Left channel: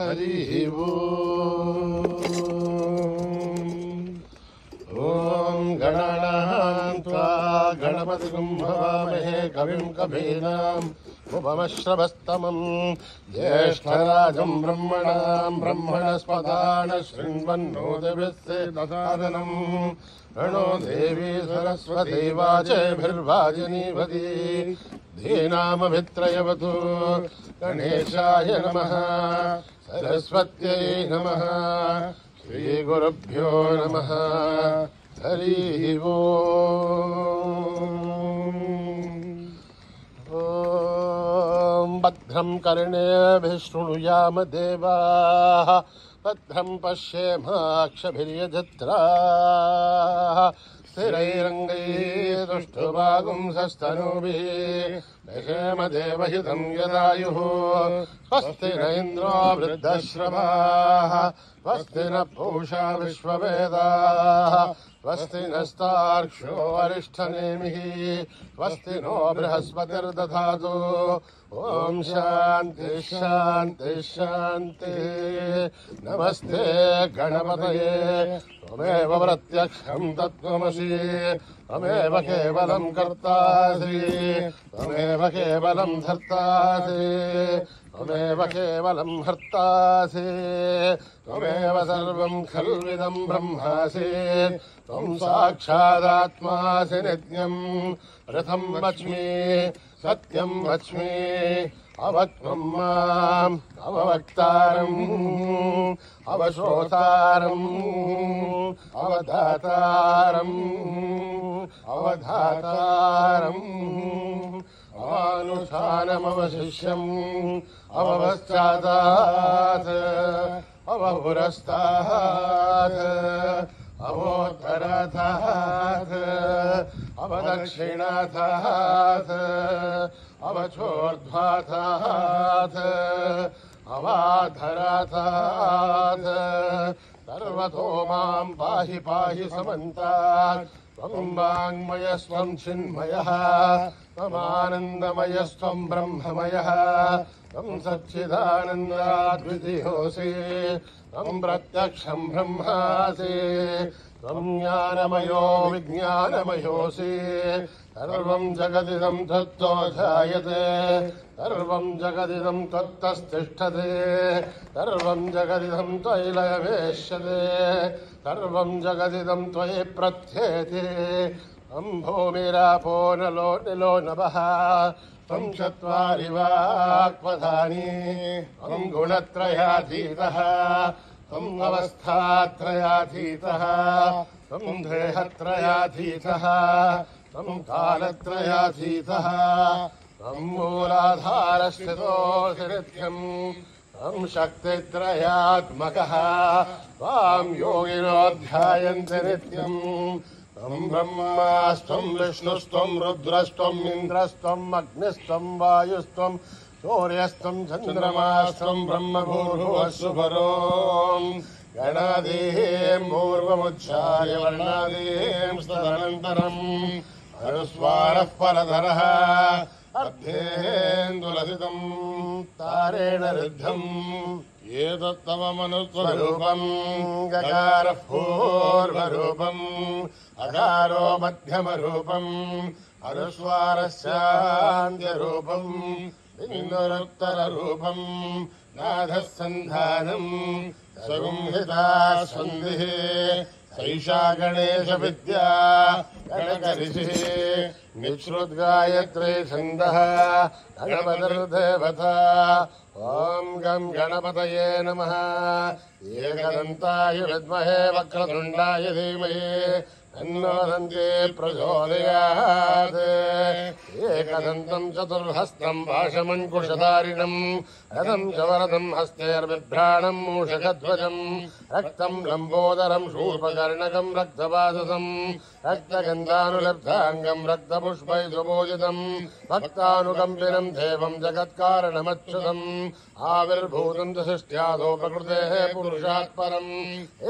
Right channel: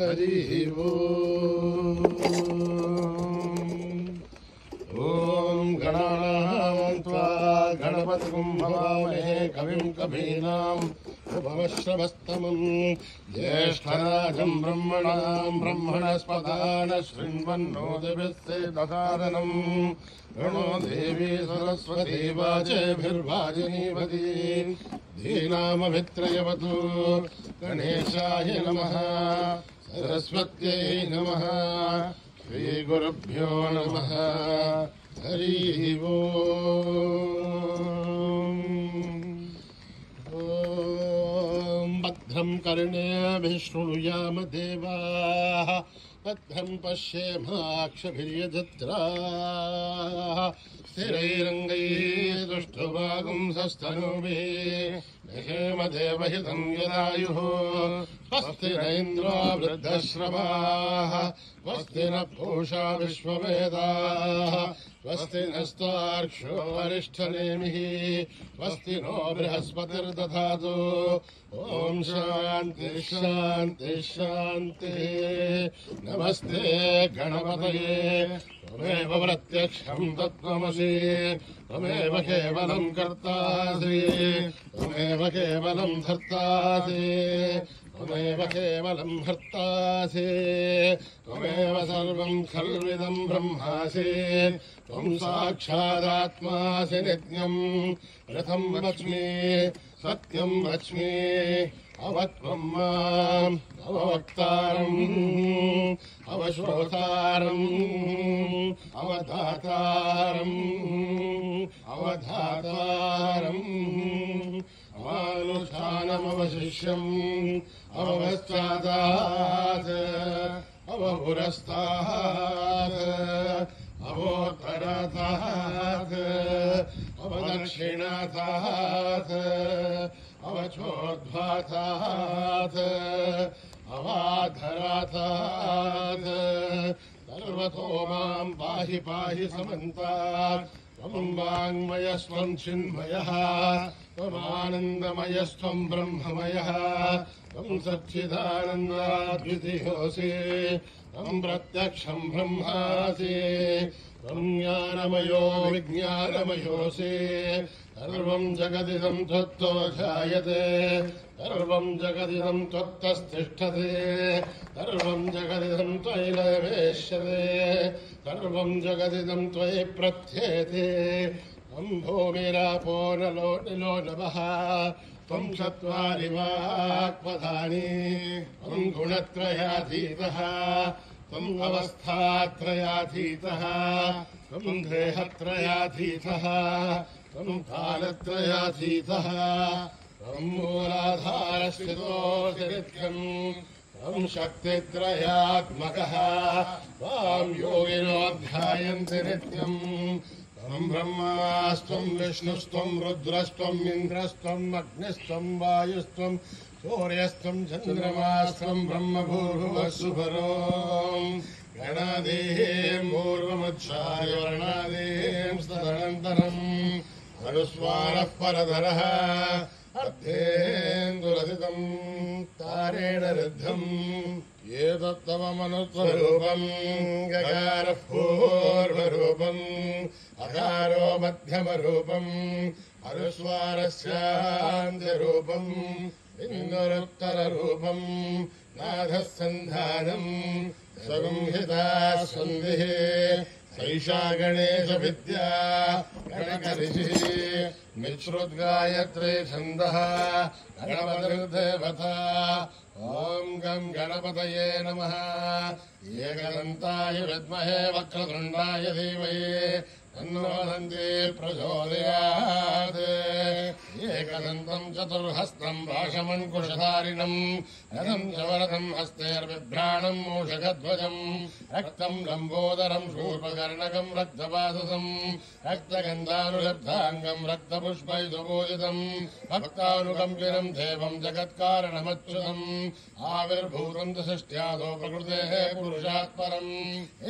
हरिः ॐ गणानां त्वा गणपतिं भवामहे कविं कवीनाम् उपमश्रवस्तमम् ज्येष्ठराजं ब्रह्मणस्पदान शृण्वन्नोदिभिस्ते दधादनम् प्रणो देवी सरस्वती वाचेभिर्वाजिनीवती धीनामभित्रयवतु गणेशाय नमः सरस्वत्यै नमः श्रीगुरुभ्यो नमः हरिः ॐ भद्रं कर्णेभिः शृणुयाम देवाः भद्रं पश्येमाक्षभिर्यजत्राः स्थिरैरङ्गैः दुष्टुवागुंसस्तनूभिः दशेम देवहितं यदायुः स्वस्ति न इन्द्रो वृद्धश्रवाः स्वस्ति न पूषा विश्ववेदाः स्वस्ति नस्तार्क्ष्यो अरिष्ठनेमिः स्वस्ति नो बृहस्पतिर्दधातु ॐ शान्ति शान्ति शान्तिः नमस्ते गणपतये त्वमेव प्रत्यक्षं तत्त्वमसि त्वमेव केवलं कर्तासि त्वमेव केवलं धर्तासि त्वमेव केवलं हर्तासि त्वमेव सर्वं खल्विदं ब्रह्मासि त्वं साक्षादात्मासि नित्यम् रथं वच्मि सत्यं वच्मि अवक्त्रं माम् अववक्तारम् अवश्रोतारम् अवधातारम् अवधातारम् अवानुष्ठानमवशिष्यम् अवपश्चादात् अवपुरस्तात् अवोत्तरात् अवदक्षिणात् अवचोर्ध्वात् अवाधरात् सर्वतो मां पाहि पाहि समन्तात् त्वं वाङ्मयस्त्वं चिन्मयः त्वमानन्दमयस्त्वं ब्रह्ममयः त्वं सच्चिदानन्दाद्वितीयोऽसि त्वं प्रत्यक्षं ब्रह्मासि त्वं ज्ञानमयो विज्ञानमयोऽसि सर्वं जगदिदं त्वत्तो जायते सर्वं जगदिदं त्वत्तस्तिष्ठते सर्वं जगदिदं त्वयि लयवेश्यते सर्वं जगदिदं त्वयि प्रथ्येते त्वं भूमिरापो नलो निलो नभः त्वं चत्वारि वाक्पदानि त्वं गुणत्रयातीतः त्वम् अवस्थात्रयातीतः त्वं देहत्रयातीतः त्वं कालत्रयातीतः त्वं मूलाधारस्थितोऽसि नित्यम् त्वं शक्तित्रयात्मकः त्वां योगिनो ध्यायन्ति नित्यम् त्वं ब्रह्मास्त्वं विष्णुस्त्वं रुद्रस्त्वम् इन्द्रस्त्वम् अग्निस्त्वं वायुस्त्वं सूर्यस्त्वं चन्द्रमास्त्वं ब्रह्मभूर्भुवस्सु परो गणादीं पूर्वमुच्चार्य वर्णादीं तदनन्तरम् अनुस्वारः परधरः अर्धेन्दुलसितम् तारेण रुद्धम् एतत्तव मनुस्वरूपम् गकारः पूर्वरूपम् अकारो मध्यमरूपम् अनुस्वारस्यान्त्यरूपम् इन्दुरुत्तररूपम् नाथः सन्धानम् सगुंहिता सन्धिः सैषा गणेशविद्या गणकऋषिः निःश्रुद्गायत्रे छन्दः गणपतिर्देवता ॐ गं गणपतये नमः एकदन्ताय विद्महे वक्रतुण्डाय धीमहि तन्नो दन्ती प्रचोदयात् एकदन्तं चतुर्हस्तं पाशमङ्कुशधारिणम् रथं च वरदं हस्तैर्बिभ्राणं मूषकध्वजम् रक्तं लम्बोदरं शूर्पकर्णकं रक्तवाससं रक्तगन्धानुलब्धाङ्गं रक्तपुष्पैर्विभूषितम् भक्तानुकम्पिनं देवं जगत्कारणमच्युतम् आविर्भूतं च सृष्ट्यादो प्रकृतेः पुरुषात् परम्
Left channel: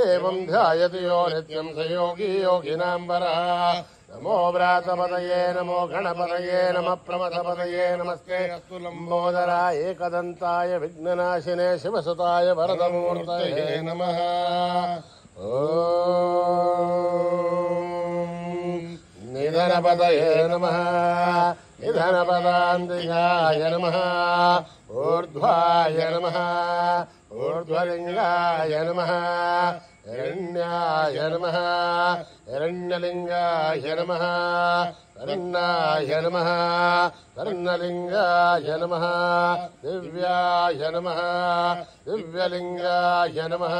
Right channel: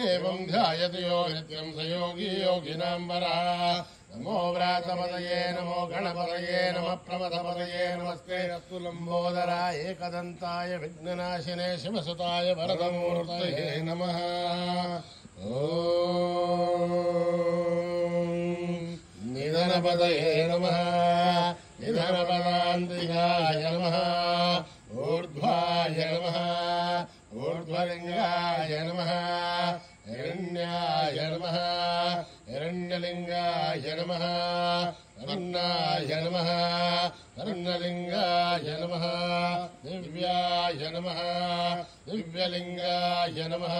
एवं ध्यायति यो नित्यं स योगी योगिनां वरः नमो व्रातपतये नमो गणपतये नमः प्रमथपतये नमस्ते लम्बोदराय एकदन्ताय विघ्ननाशिने शिवसुताय वरदमूर्तये नमः। निधनपतये नमः निधनपदान्तिकाय नमः ऊर्ध्वाय नमः ऊर्ध्वलिङ्गाय नमः हिरण्याय नमः हिरण्यलिङ्गाय नमः कर्णाय नमः कर्णलिङ्गाय नमः दिव्याय नमः दिव्यलिङ्गाय नमः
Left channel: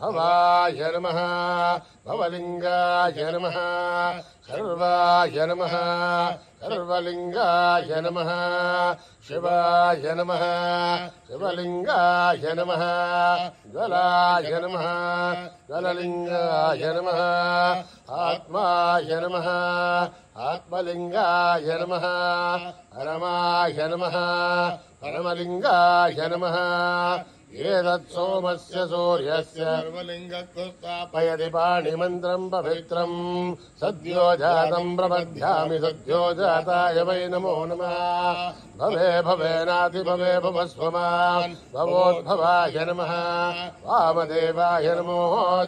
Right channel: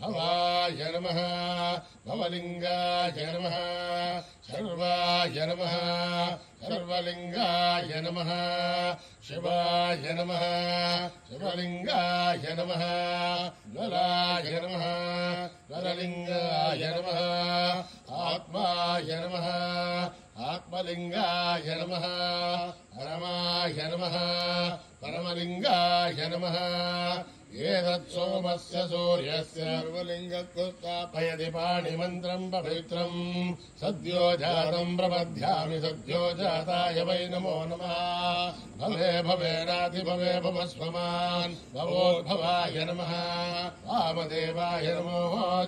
भवाय नमः भवलिङ्गाय नमः सर्वाय नमः सर्वलिङ्गाय नमः शिवाय नमः शिवलिङ्गाय नमः ज्वलाय नमः ज्वललिङ्गाय नमः आत्माय नमः आत्मलिङ्गाय नमः परमाय नमः परमलिङ्गाय नमः एतत्सोमस्य सूर्यस्य सर्वलिङ्गत्वस्थापयति पाणिमन्त्रम् पवित्रम् सद्यो जातम् प्रपद्यामि सद्यो जाताय वै नमो नमः। भवे भवेनाति भवे भवस्वमान् भवोद्भवाय नमः वामदेवाय नमो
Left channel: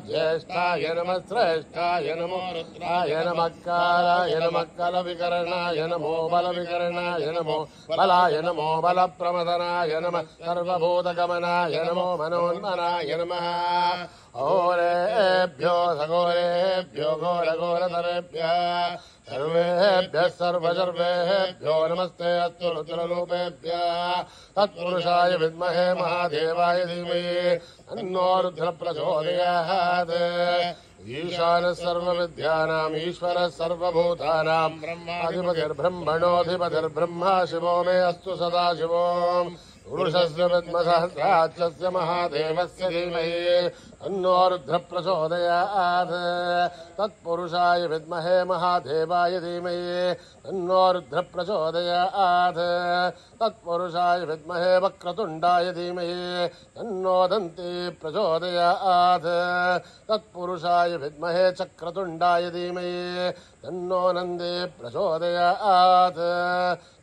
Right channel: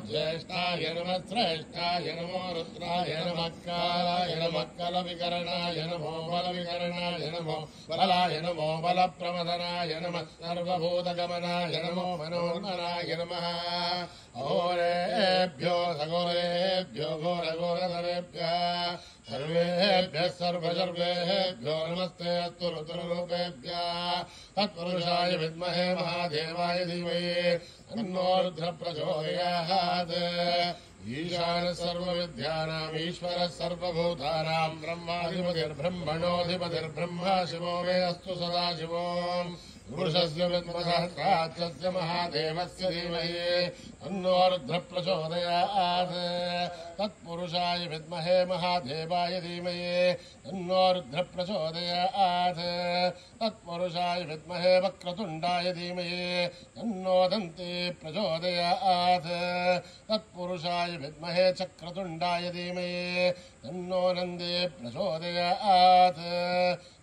ज्येष्ठाय नमः श्रेष्ठाय नमो रुद्राय नमः कालाय नमः कलविकरणाय नमो बलविकरणाय नमो बलाय नमो बलप्रमदनाय नमः सर्वभूतगमनाय नमो मनोन्मनाय नमः। अहोरेभ्यो सघोरेभ्यो घोरघोरतरेभ्यः सर्वेभ्यः सर्वसर्वेभ्यो नमस्ते अस्तु रुद्ररूपेभ्यः। तत्पुरुषाय विद्महे महादेवाय धीमहि तन्नो रुद्रः प्रचोदयात्। ईशानः सर्वविद्यानाम् ईश्वरः सर्वभूतानाम् ब्रह्माधिपतिर्ब्रह्मणोऽधिपतिर्ब्रह्मा शिवो मे अस्तु सदा शिवो। पुरुषस्य विद्मसहस्राक्षस्य महादेवस्य धीमहि तन्नो रुद्रः प्रचोदयात्। तत्पुरुषाय विद्महे महादेवाय धीमहि तन्नो रुद्रः प्रचोदयात्। तत्पुरुषाय विद्महे वक्रतुण्डाय धीमहि तन्नो दन्ती प्रचोदयात्। तत्पुरुषाय विद्महे चक्रतुण्डाय धीमहि तन्नो नन्दी प्रचोदयात्।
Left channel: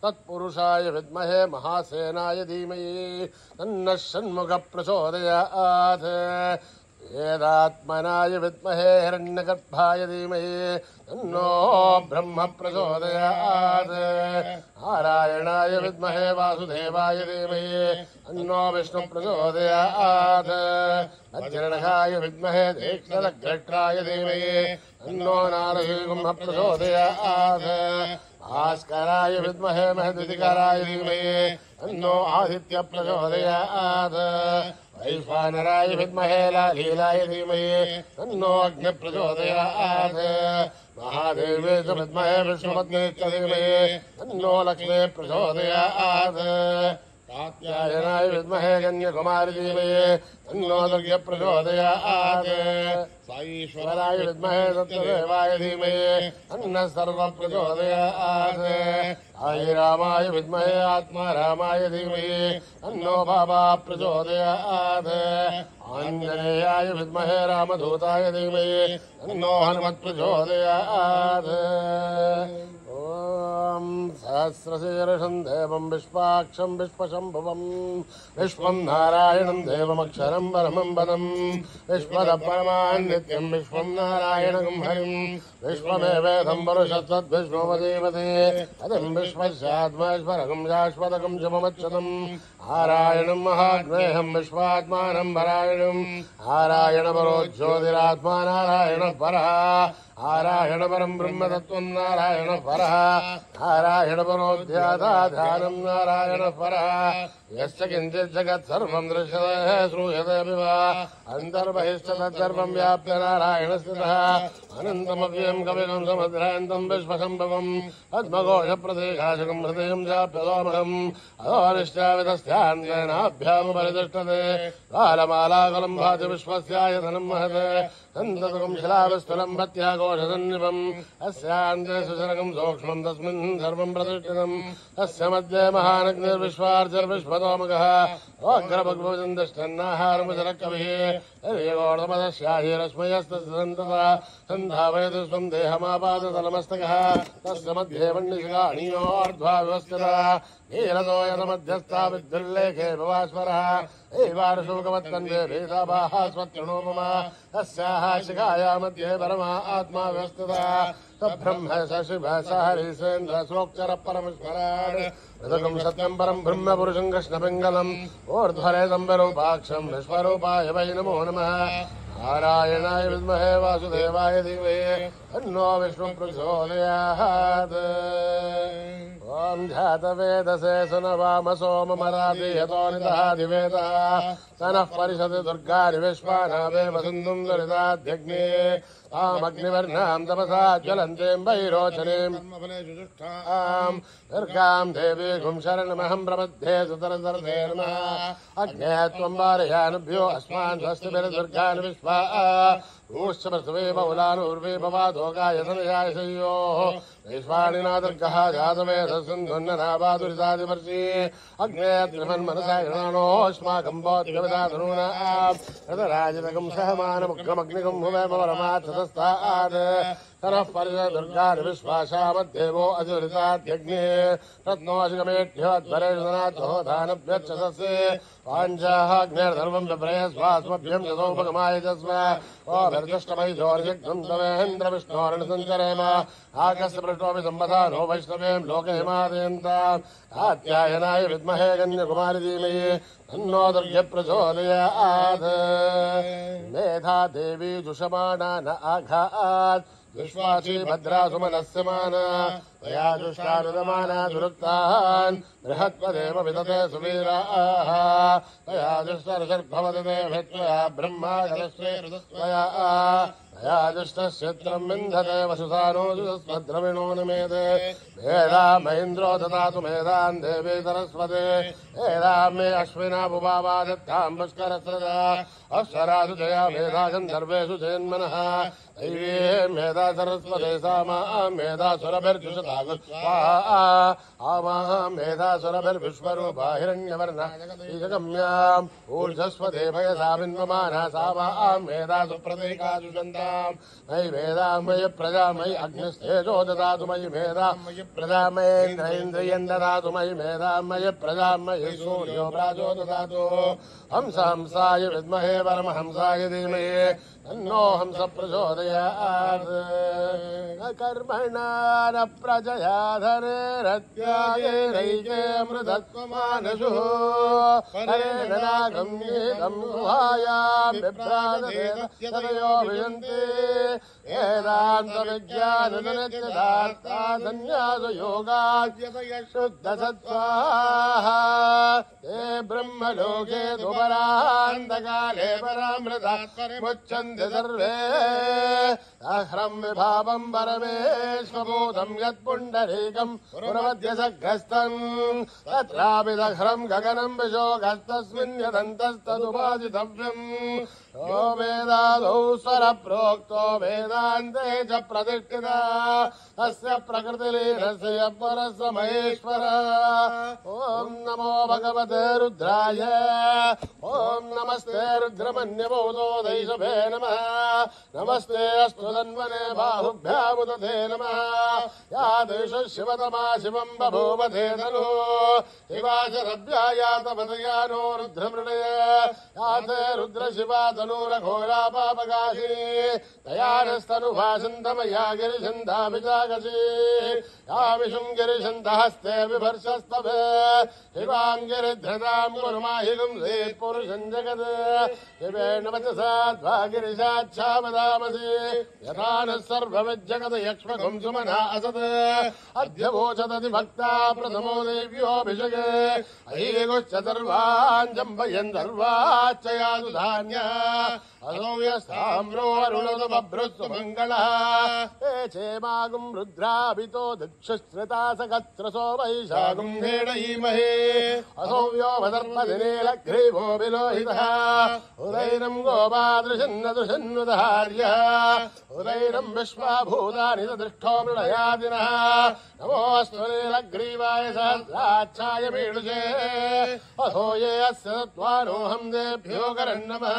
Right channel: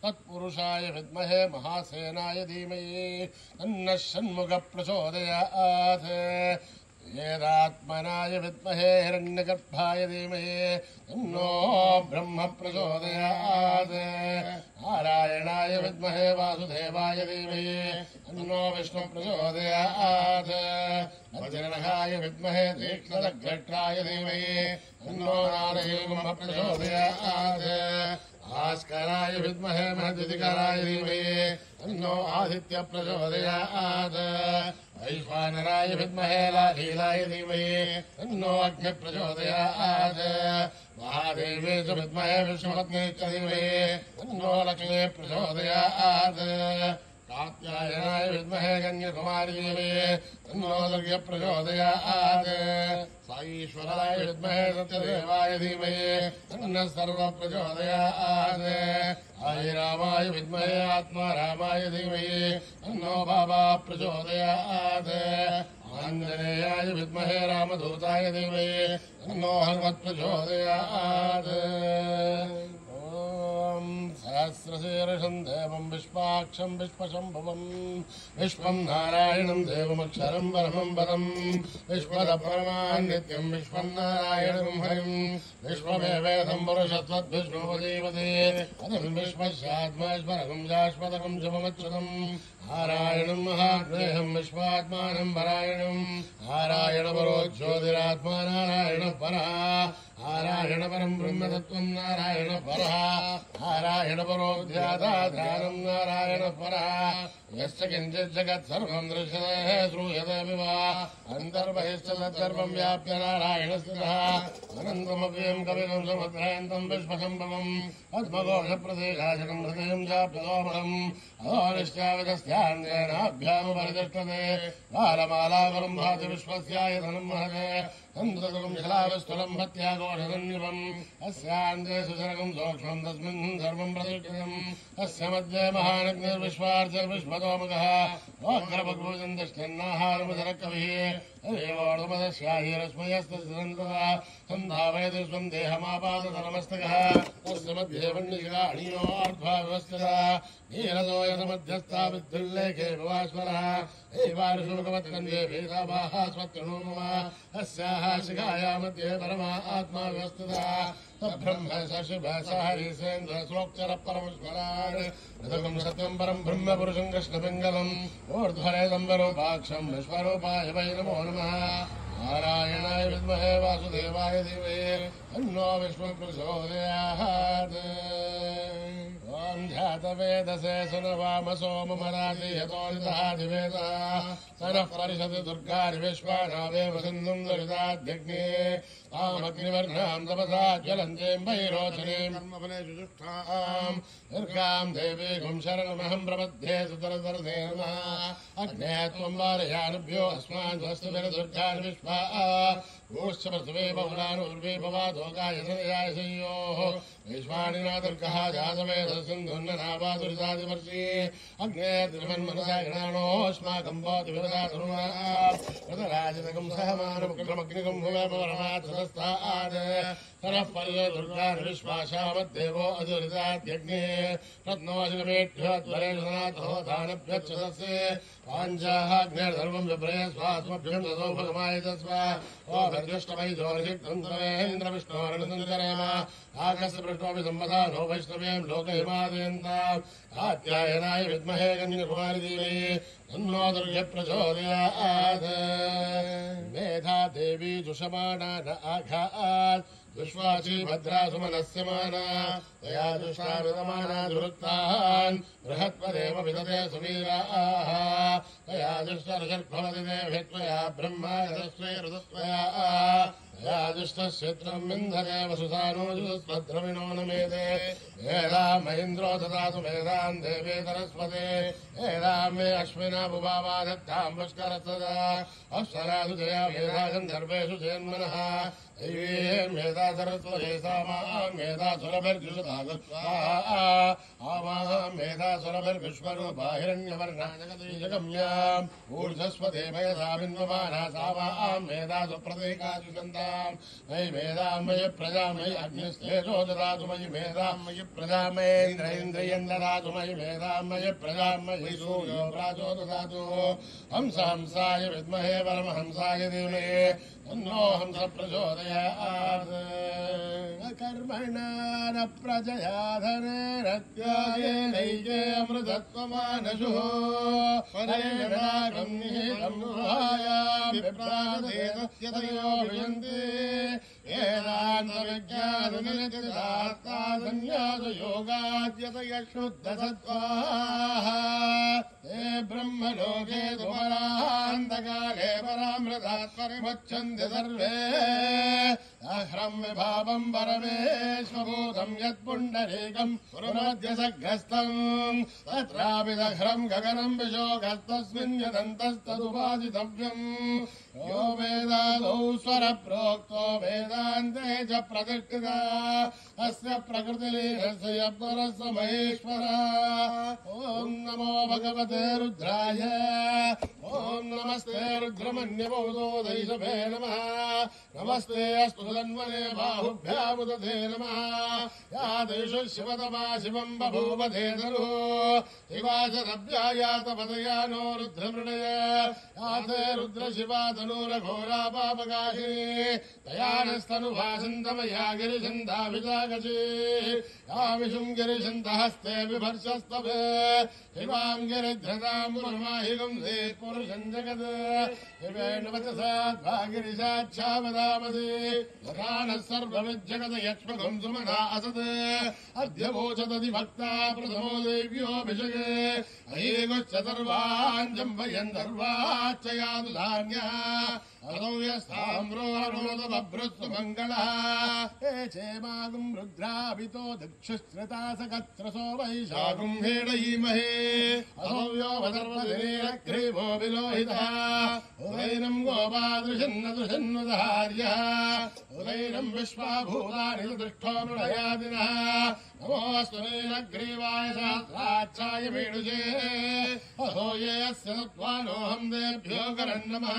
तत्पुरुषाय विद्महे महासेनाय धीमहि तन्नः षण्मुखः प्रचोदयात्। वेदात्मनाय विद्महे हिरण्यगर्भाय धीमहि तन्नो ब्रह्म प्रचोदयात्। नारायणाय विद्महे वासुदेवाय धीमहि तन्नो विष्णु प्रचोदयात्। अज्ञानाय विद्महे तीक्ष्णदग्धट्राय धीमहि तन्नो नारसिंह प्रचोदयात्। भास्कराय विद्महे महद्विधिकराय धीमहि तन्नो आदित्य प्रचोदयात्। वैश्वानराय विद्महे लालीलाय धीमहि तन्नो अग्नि प्रचोदयात्। महादेवे च विद्महे विष्णुपत्नी च धीमहि तन्नो लक्ष्मी प्रचोदयात्। कात्यायनाय विद्महे कन्याकुमारी धीमहि तन्नो दुर्गे प्रचोदयात्। साईश्वराय विद्महे सत्यदेवाय धीमहि तन्नः सर्वं प्रचोदयात्। आदिरामाय विद्महे आत्मारामाय धीमहि तन्नो बाबा प्रचोदयात्। आञ्जनेयाय विद्महे रामदूताय धीमहि तन्नो हनुमत् प्रचोदयात्। सहस्रशीर्षम् देवम् विश्वाक्षम् विश्वशम्भुवम् विश्वम् नारायणम् देवमक्षरम् परमम् पदम् विश्वदपरमान् नित्यम् विश्वम् नारायणम् हरिम् विश्वमेवेदम् वरुषत्वद्विष्णुपदीपदे अदम् विश्वस्यात्मैश्वरकम् शाश्वतकम् शुभमच्युतम् नारायणम् महात्मेयम् विश्वात्मानम् परायणम् नारायणपरो ज्योतिरात्मा नारायणः परः नारायण परम् ब्रह्मतत्त्वम् नारायणः परः नारायण परो ध्याताध्यानम् नारायणः परः यश्च किञ्चित् जगत् सर्वम् दृश्यते श्रूयते वा अन्तर्बहिश्च तत्सर्वम् व्याप्य नारायणस्थितः अनन्तमव्ययम् कपिलम् समुद्रान्तम् विश्वसम्भवम् पद्मघोषप्रदेशाशकम् हृदयम् चाप्यलोभनम् अधोनिष्ठाविदस्य अस्यान्येनाभ्यामुपरितिष्ठते बालमालाकुलं भाति विश्वस्यायतनं महते तन्तुकं शिलाविस्तुलं भत्याघोषसन्निपम् अस्यान्ते सुशनकं सूक्ष्मं तस्मिन् सर्वं प्रतिष्ठितम् अस्य मध्ये महानग्निर्विश्वार्चिर्विश्वतोमुखः ओग्रभग्भुजन्तिष्ठन्नाहारमुचरकविः रश्मयस्तन्तः सन्धावयति स्वं देहमापादतलमस्तकः तस्य मध्ये वह्निशिखाणीयोर्ध्वा व्यवस्थितः नीरतो यतमध्यस्था विद्युल्लेखे भवास्वरः एवारुशोकवत्कन्ये भेदाभाः स्वत्रिणो मम अस्याः शिखाया मध्ये परमा आत्मा व्यवस्थितः ब्रह्म स शिव स हरिसेन्द्र सोक्चर परमेश्वरान् ऋतुकं सत्यं परं ब्रह्म पुरुषं कृष्णपिङ्गलम् ऊर्ध्वरेदं विरूपाक्षं विश्वरूपाय वै नमो नमः नारायणाय विद्महे वासुदेवाय धीमहि तन्नो विष्णुः प्रचोदयात् ॐ जातवेदसे सुनवाम सोममराधियतो निदहाधिवेदः सनः परिषदि दुर्गारि विश्वानावेव सिन्धुं ललिताद्यग्ने तामग्निवर्णां तपसा ज्वलन्तीं वैरोचनीम् दुर्गां देवीं शरणमहं प्रपद्ये सुतरतरते नमः अग्ने त्वं वारयानुभ्यो अस्मान् स्वस्तिभिर्दुर्गान् विश्वा ऊश्च पृथ्वी बहुलानूर्वी भवादोगाय धनयाय शय्योः वैश्वानिना दुर्गः जातवेदसिन्धुन्ननावादुरितादिवर्षी अग्ने त्रिमन्मनसा गृणानोऽस्माकं भौतिकविदाधनूना रतराजतकं सहमानमुग्रमग्निकं भुवे परमार्थतस्तात् तनः परिष दुर्गानि विश्वासामद्देवो अजुरिताद्यग्ने रत्नोऽशिकमेढ्योद्वरेषनाथो दानभ्यच्छतस्य पाञ्चाग्नेर्धर्मं विप्रयस्वास्मभ्यं यथोपगमाय तस्म ओभिर्दुष्टमैजोर्यक्तं तवेन्द्रविष्णोरणसञ्चरेम आकस्य पृष्ठोऽपि सम्पदा नो वैष्णवें लोकहिमादयन्ताम् कात्यायनाय विद्महे कन्याकुमारी धीमहि तन्नो दुर्गप्रचोदयात् मेधा देवी दुषमाणा न आघात् विश्वासी भद्रा सुमनस्य माना तया दुष्टारुदमाना दुरुक्तान् बृहत्पदेव विदते सुवीराः तया दुष्टर्षर्भवति देवत्वया ब्रह्मा जलस्वे ऋतुस्वया तया दुष्टस्यत्रं विन्धते वसुसानो निमेते वेदां महेन्द्रो ददातु मेधान् देवी सरस्वते वेदां मे अश्विना बुभावा दत्तां पुष्करसदा अप्सरासु जया मेधा गन्धर्वेषु चेन्मनः दैवीं मेधा सरस्वते सामां मेधा सुरभिर्जुषतागत्वा आमां मेधा सुरभिर्विश्वरूपा हिरण्यवर्णाजगम्याम् ऊर्ध्वस्वते भयसा बिन्वमाना सामां मेधा सुप्रतीकासु चन्द्रां मयि मेधां मयि प्रजा मयि अग्निस्तेजो ददातु मयि मेधां मयि प्रजा मयेन्द्रियं ददातु मयि मेधां मयि प्रजा मयि सूर्यो प्राजो ददातु हंसाय विद्महे परमहंसाय धीमहि तन्नो हंस प्रचोदयात् कर्मणा न प्रजया धनेरत्यागे मृतत्वमानशु परेणागम्येदं गुहायां विभ्राजदेवयो वियन्ते वेदान्तविज्ञाननित्यदार्था सन्न्यासयोगाद्यतय शुद्धसत्त्वाः ते ब्रह्मलोके सुपरान्तकाले परामृतात् परिमुच्यन्ते सर्वे अह्रं विभावं परमेश्वभूतं यत्पुण्डरीकं पुरमध्यसग्रस्तम् तत्रापि दह्रं गगनं विशोकस्तस्मिन् यदन्तस्तदुपादितव्यम् यो वेदादौ स्वरप्रोक्तो वेदान्ते च प्रतिष्ठिता अस्य प्रकृतिलीनस्य यत्परस्य महेश्वरः ॐ नमो भगवते रुद्राय ॐ नमस्ते रुद्रमन्यभूतो दैशभे नमः नमस्ते अस्तु तन्वने बाहुभ्यामुदते नमः या देशो शिवतमा शिवं बभूवधे धनुः शिवाशरभ्यायातपदया नो रुद्रमृणय याते रुद्रशिवा धनुरघोरा पापकाशी तयानस्तनुभासन्तमया गिरिशन्धाभिजागसी या विशुं गिरिशन्तहस्ते विभर्षस्तभे शिवाङ्गिरिधृतां गुरुमाहिगुं पुरुषं जगत् शिवेण वचसा त्वा गिरिशाच्छा वदामसि यथा नः सर्वमज्जगत् यक्ष्मकम् सुमना असत् अद्य वोचदति भक्ता प्रथमो देव्योऽभिषगे अयेगुश्च सर्वान् जम्बयन् सर्वाच्चयातु धान्यः अनो यस्ताम्रो अरुणोदबभ्रस्तु मङ्गलः हे चेमागुम् रुद्राभितो दक्षुश्रिता सकत्रसो वैशागुम् हेडयीमहे अथो व्योमदर्पदिनेलग्रीवो विलोहितः उदैनम् गोपादृशन्नदृशन्नुदहार्यः उदैनम् विश्वाभूतानि दृष्टो मृळयादिनः नमोऽस्तु नीलग्रीवाय सहस्राक्षाय मीडुजे अथो ये अस्य तत्त्वानोऽहम् देभ्यो करन्नमः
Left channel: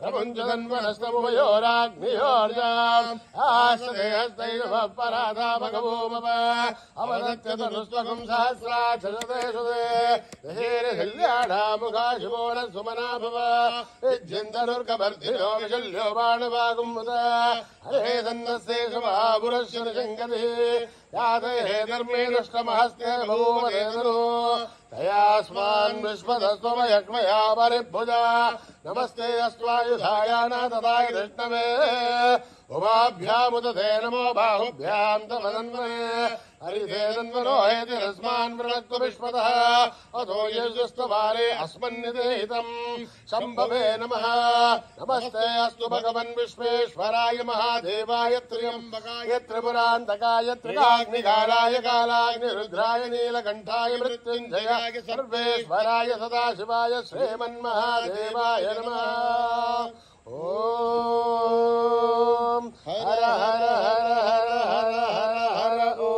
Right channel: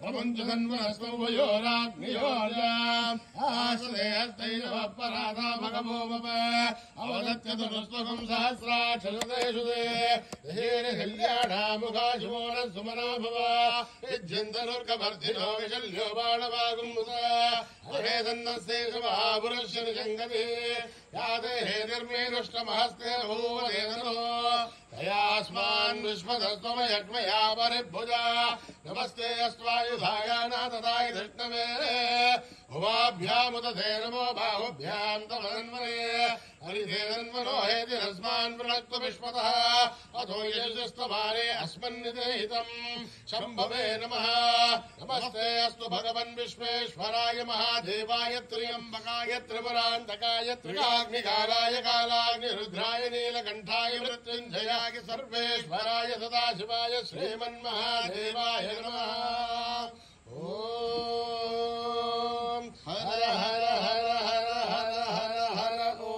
प्रपञ्चतन्वनस्तमुभयोराग्नियोर्जाम् आश्रयस्तैव पराधा भगवोमव अवदत्यतुस्त्वकम् सहस्राक्षसतेषु ते यशेरशल्याढामुखा शिवो न सुमना भव युज्यन्तनुर्कवर्धिनो विशल्यो बाणवागुम्मुद हरे सन्नस्ते महापुरस्य निशङ्कतिः यादये धर्मे दुष्टमहस्ते भूवदेतनु तयास्मान् विश्वदस्त्वमयक्मया परिभुजा नमस्ते अस्त्वायुधायाना तदाय कृष्णवे उमाभ्यामुदधे नमो बाहुभ्याम् तवनन्वने हरिधेरन्वनो हेतिरस्मान् वृणक्तु विश्वतः अथो यजुस्तवारे अस्मन्निदेहितम् शम्भवे नमः नमस्ते अस्तु भगवन् विश्वेश्वराय महादेवाय त्र्यम्बकाय त्रिपुरान्तकाय त्रिकाग्निकालाय कालाग्निरुद्राय नीलकण्ठाय मृत्युञ्जयाय सर्वेश्वराय सदाशिवाय श्रीमन्महादेवाय नमः ॐ हर हर हर हर हर हर हर ॐ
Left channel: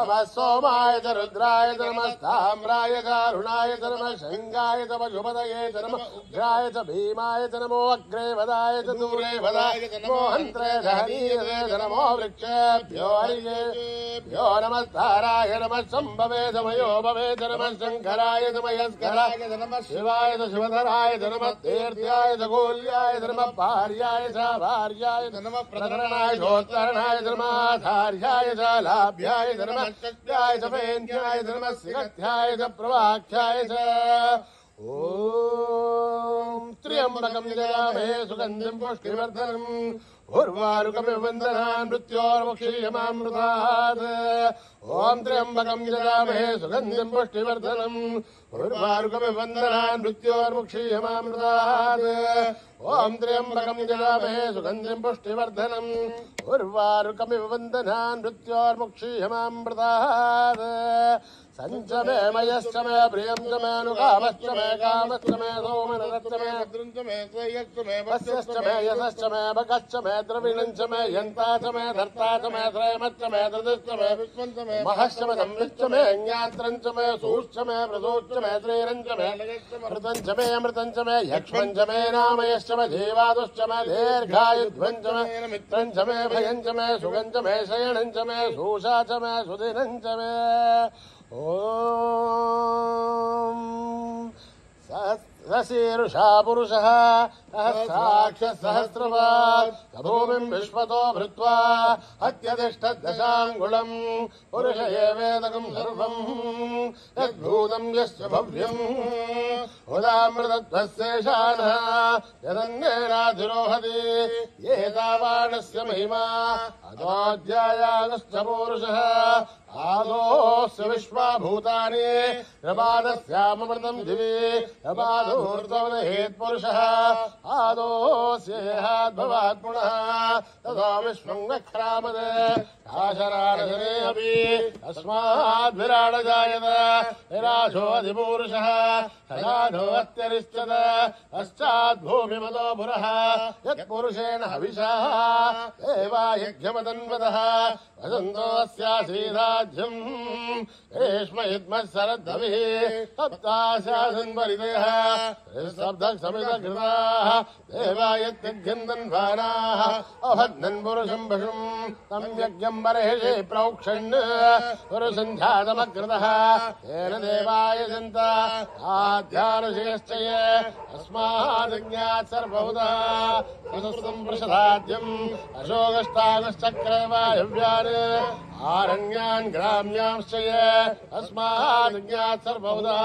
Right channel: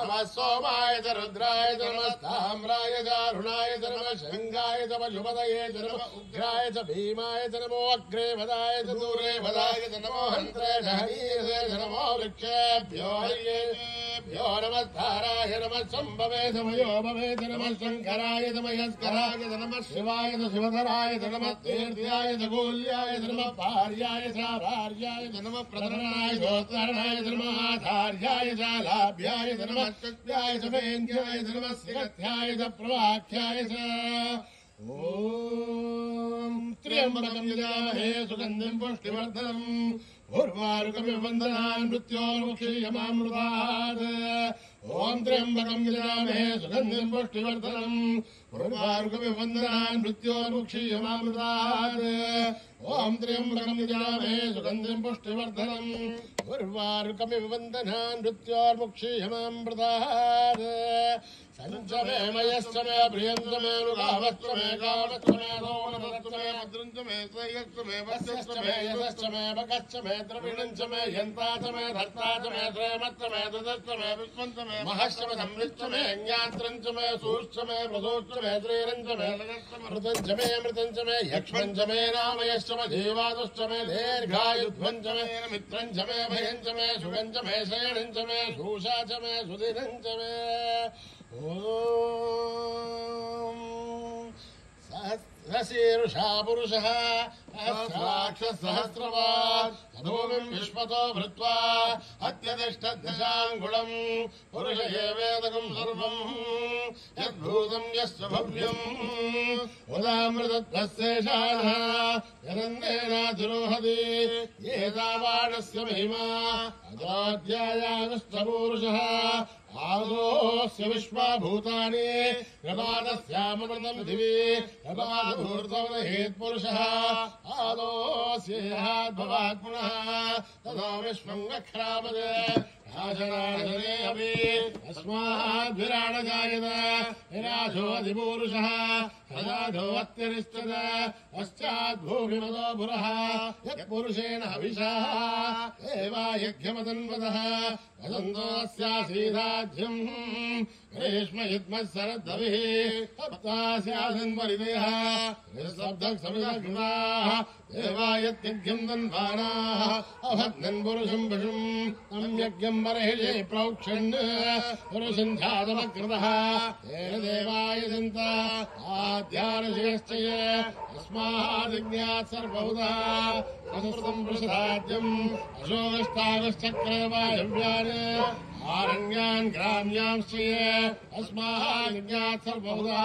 नमः सोमाय च रुद्राय च नमः ताम्राय च अरुणाय च नमः शृङ्गाय च पशुपतये च नमः उग्राय च भीमाय च नमो अग्रे वदाय च दूरे वदाय च नमो हन्त्रे च हनीरे च नमो वृक्षेभ्यो हर्येभ्यो नमस्ताराय नमः शम्भवे च मयो भवे च नमः शङ्कराय च मयस्कराय च नमः शिवाय च शिवधराय च नमः तीर्थ्याय च गोल्याय च नमः पार्याय च भार्याय च नमः प्रतरणाय चोत्तरणाय च नमः आचार्याय च लाभ्याय च नमः सत्याय च वेन्द्याय च नमः सिगध्याय च प्रवाख्याय च ॐ त्र्यम्बकम् यजामहे सुगन्धिम् पुष्टिवर्धनम् उर्वारुकमिव वन्दनान् मृत्योर्मुक्षीयमामृतात् ॐ त्र्यम्बकम् यजामहे सुगन्धिम् पुष्टिवर्धनम् उर्वारुकमिव वन्दनान् मृत्योर्मुक्षीयमामृतात् ॐ त्र्यम्बकम् यजामहे सुगन्धिम् पुष्टिवर्धनम् उर्वारुकमिव वन्दनान् मृत्योर्मुक्षीयमामृतात् सञ्च मे मयश्च मे प्रियम् च मे नुकामश्च मे कामश्च मे सोमरश्च मे भद्रम् च मे श्रेयश्च मे वस्यश्च मे यशश्च मे भगश्च मे द्रविणम् च मे यन्ता च मे धर्ता च मे श्रेमश्च मे धृतिश्च मे विश्वम् च मे महश्च मे संविच्च मे ज्ञात्रम् च मे सूश्च मे प्रसूश्च मे श्रीरम् च मे मृतम् च मे अमृतम् च मे यक्ष्मम् च मे नामयश्च मे जीवादुश्च मे दीर्घायुध्वम् च मे मित्रम् च मे भयम् च मे सुगम् च मे शयनम् च मे सूषा च मे सुदिनम् च मे ॐ सहस्रशीर्षा पुरुषः सहस्राक्षसहस्रवान् भूमिम् विश्वतो भृत्वा अत्यतिष्ठद्दशाङ्गुलम् पुरुष एवेदकम् सर्वम् यद्भूतम् यस्य भव्यम् उदामृतत्वस्येषानः जरन्येनाधिरोहति एतावानस्य महिमा अदाध्यायागश्च पूरुषः आदोस्य विश्वाभूतानि प्रमादस्यामृतम् दिवि प्रमादोर्ध्वहेत्पुरुषः आदोस्येहाद्भवात्पुनः ततो विश्वम् वक्रामद आशराणजने अपि अस्माद्विराडजायत विराशोऽधिपूरुषः सजाधोऽत्यरिष्यत पश्चाद्भूमिमतो पुरः यत्पुरुषेण हविषा एवायज्ञमतन्वतः वदन्तोऽस्यासीदाज्यम् रेष्मयुग्मः सरद्धविः सप्तास्यासन्वरिदयः शब्दः समितकृताः देवायत्यघ्यम् तन्वानाः अभग्नन् पुरुषम् पशुम् तम् यज्ञम् बर्हिषि प्रोक्षन् पुरुषञ्झातमकृतः तेन देवाय दन्त आद्यानुशयश्च ये अस्मादिज्ञात् सर्वभूतः पुनस्तम् प्रसदाद्यम् अशोकस्तागश्चक्रे वायव्यान् आरण्यान् ग्राम्यांश्च ये अस्मादिज्ञात् सर्वभूतः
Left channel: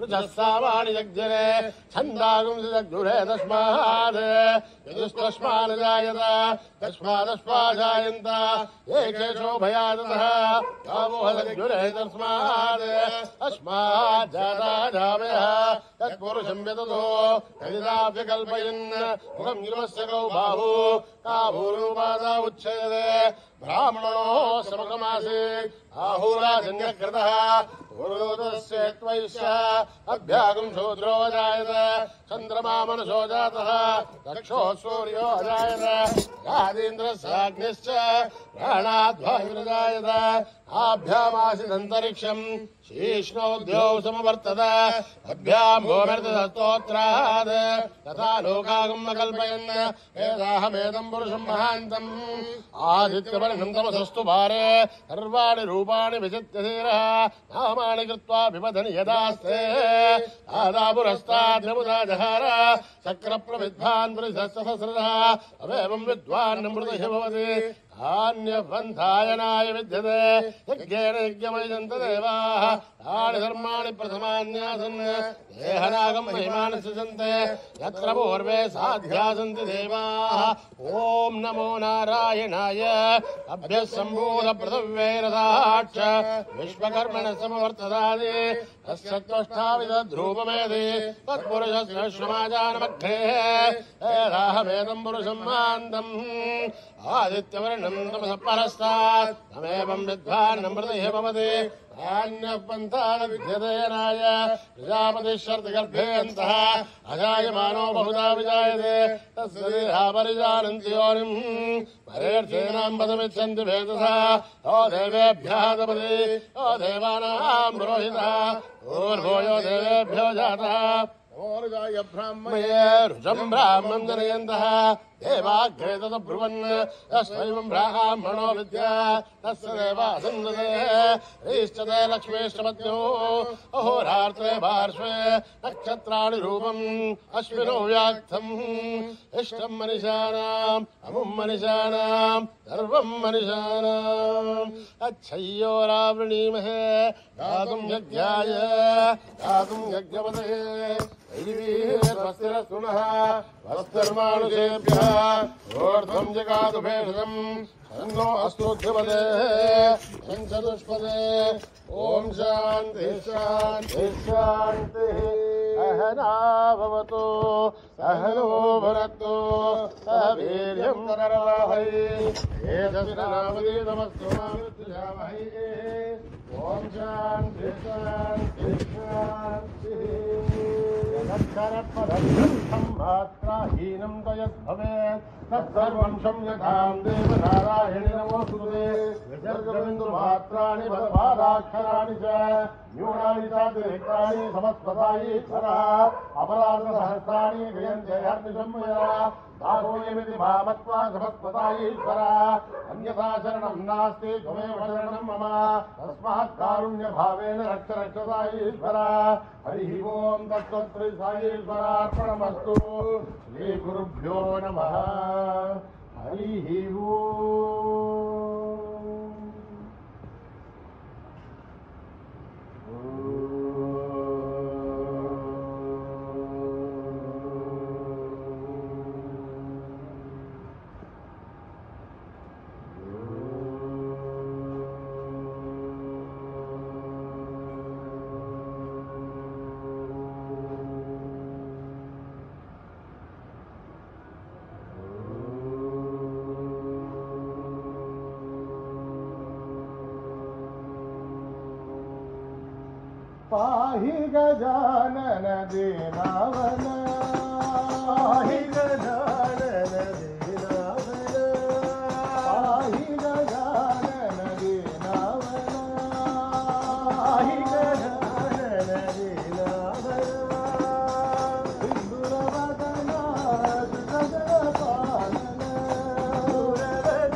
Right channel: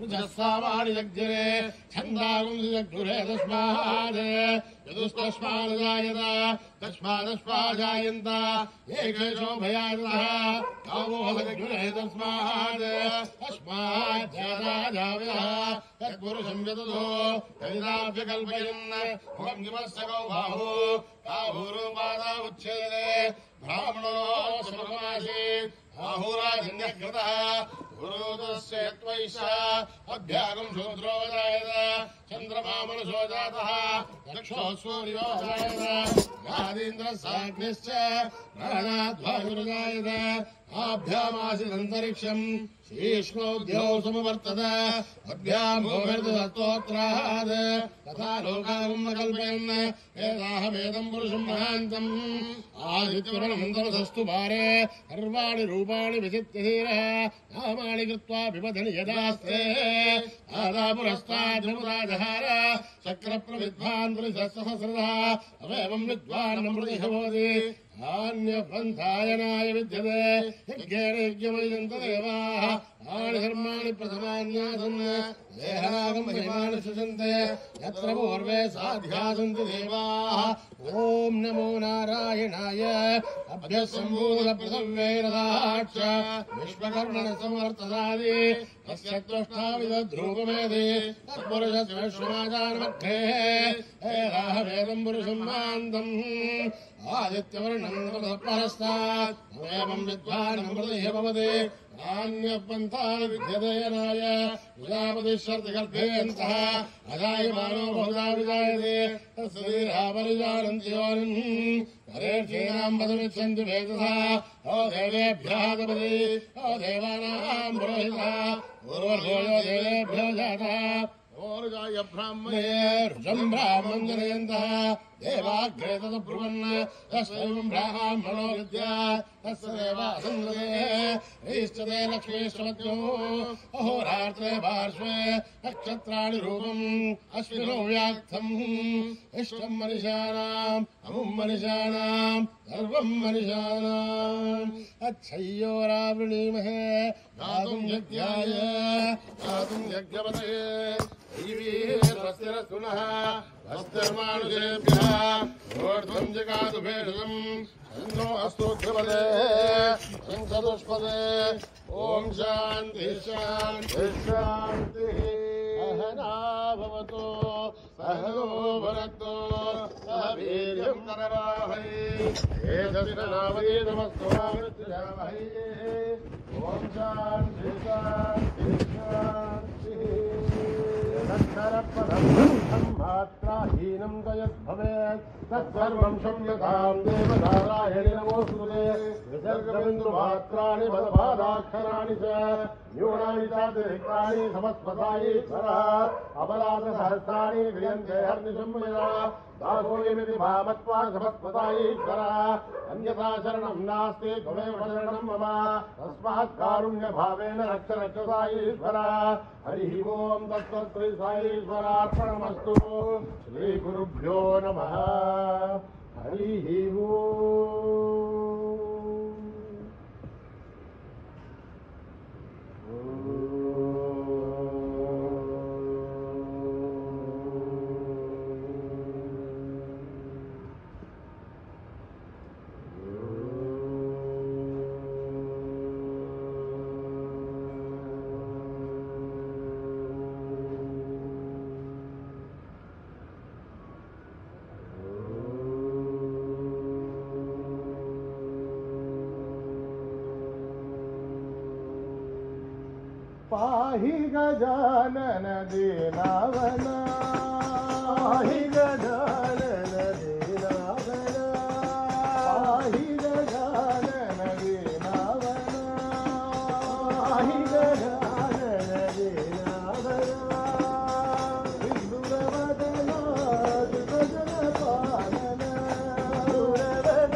रुजस्सावाणि जग्जरे छन्दागुंसि जग्दुरे तस्मात् यदुस्तस्मात् जायत तस्मादस्माजायन्त एकेशो भयादतः गावोहदग्जुरे तस्मात् अस्मात् जाता जावयः तत्पुरुषं यततो यदिदाप्यकल्पयन् मुखं गिरवस्य गौ बाहु आभूरूपादा उच्छेदे ब्राह्मणो समगमासि आहुराजन्यकृतः पूर्वोदस्य त्वैष अभ्यागं शूद्रो जायत चन्द्रमा मनसो जातः दक्षो सूर्यो जायत गादीन्द्रस्याग्निश्च प्राणाद्वायुर्जायत आभ्यामासिदन्तरिक्षम् शीष्णोद्यौ समवर्तत अभ्याम् गोवर्धस्तोत्रात् तथा लोकागम् न कल्पयन् एताहमेदम् पुरुषम् महान्तम् आदित्यवर्णम् तमसस्तु भारे सर्वाणि रूपाणि विचित्य धीरः नामानि कृत्वा विपदनि यदास्ते आदापुरस्ताद्रमुदा जहार चक्रप्रविद्वान् पुरुषसहस्रः अवेवम् विद्वान् नमृतः भवति आन्यपन्थायनाय विद्यते यज्ञेन यज्ञमयजन्त देवाः तानि धर्माणि प्रथमान्यासन् देहनागम् महिमानि सृजन्ते यत्र पूर्वे साध्यासन्ति देवाः ॐ नमो नारायणाय अभ्यः सम्भूतपृथिव्यैरदाक्ष विश्वकर्मणः समवर्तदादि तस्य त्वष्टाविदध्रूपमेधि तत्पुरुषस्य श्रमाजानमग्रेः एताहमेदम् पुरुषम् मान्तम् आदित्यवर्णम् तमसः परस्तात् तमेवम् विद्वान् नमृतः भवति अन्यपन्थान् विद्यतेनाय प्रजापतिश्चर्तगर्भेऽन्तः अजायमानो बहुधा विजायते तस्य देहापरिजानन्ति योनिम् परेर्थीनाम् पदमिच्छन्ति भेदसा ओ देवेभ्यः तपति ओ देवानाम् रोहितः पूर्वभूयो देवेभ्यो जातः ओरुजाय ब्राह्मणे रुजम् ब्राह्मम् जनयन्तः देवाग्रे तदब्रुवन् तस्मैवम् ब्राह्मणो विद्या तस्य देवासन्दते ह्रीश्चते लक्ष्मीष्टपत्यो अहोरात्रे पार्श्वे नक्षत्राणि रूपम् अश्विनो व्याक्तम् इष्टम् मनिषाणाम् अमुम् मनिषाणाम् सर्वम् मनिषाणाम् अच्छय्योरावृणीमहे दातुम् यज्ञाय दातुम् यज्ञपते ैवीरस्तिरस्तुनः वस्तिर्मानुषेभ्यः ऊर्ध्वम् जगातु भेषजम् तन्नो अस्तु ध्रुवदे चतुष्पदे ॐ शान्तिः शान्तिः शान्तिः सहना भवतु सहनो भुनक्तु सह वीर्यम् करवावहै तेजस्विनावधीतमस्तु मा विद्विषावहै ॐ शान्तिः शान्तिः शान्तिः सम्भात्राहीनम् तयद्भवेत् तत्सर्वम् संयताम् देवनारायणि नमोऽस्तुते विसर्गबिन्दुमात्राणि भवपादाक्षराणि च न्यूनानि चातिरिक्तानि समस्पदायीश्वरः अपराधसहस्राणि क्रियन्ते हर्निशम्मया दासोऽयमिति मामत्वा समस्पदायीश्वरः अन्यथा शरणम् नास्ति त्वमेव शरणम् मम तस्मात् कारुण्यभावेन रक्ष रक्षदायीश्वरः हरिः ओम् तत्तत् श्री साईश्वरार्पणमस्तु श्रीगुरुभ्यो नमः हरिः पाहि गजानन दीनावन पाहि गजानन दीनावन पाहि गजानन दीनावन पाहि गजानन दीनावन दुर्वदना दुर्गपालन दुर्वदना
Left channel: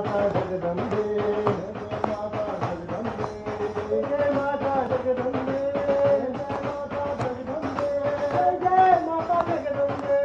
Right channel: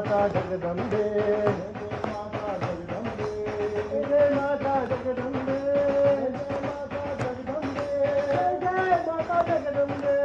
माता जगदम्बे जय माता जगदम्बे जय माता जगदम्बे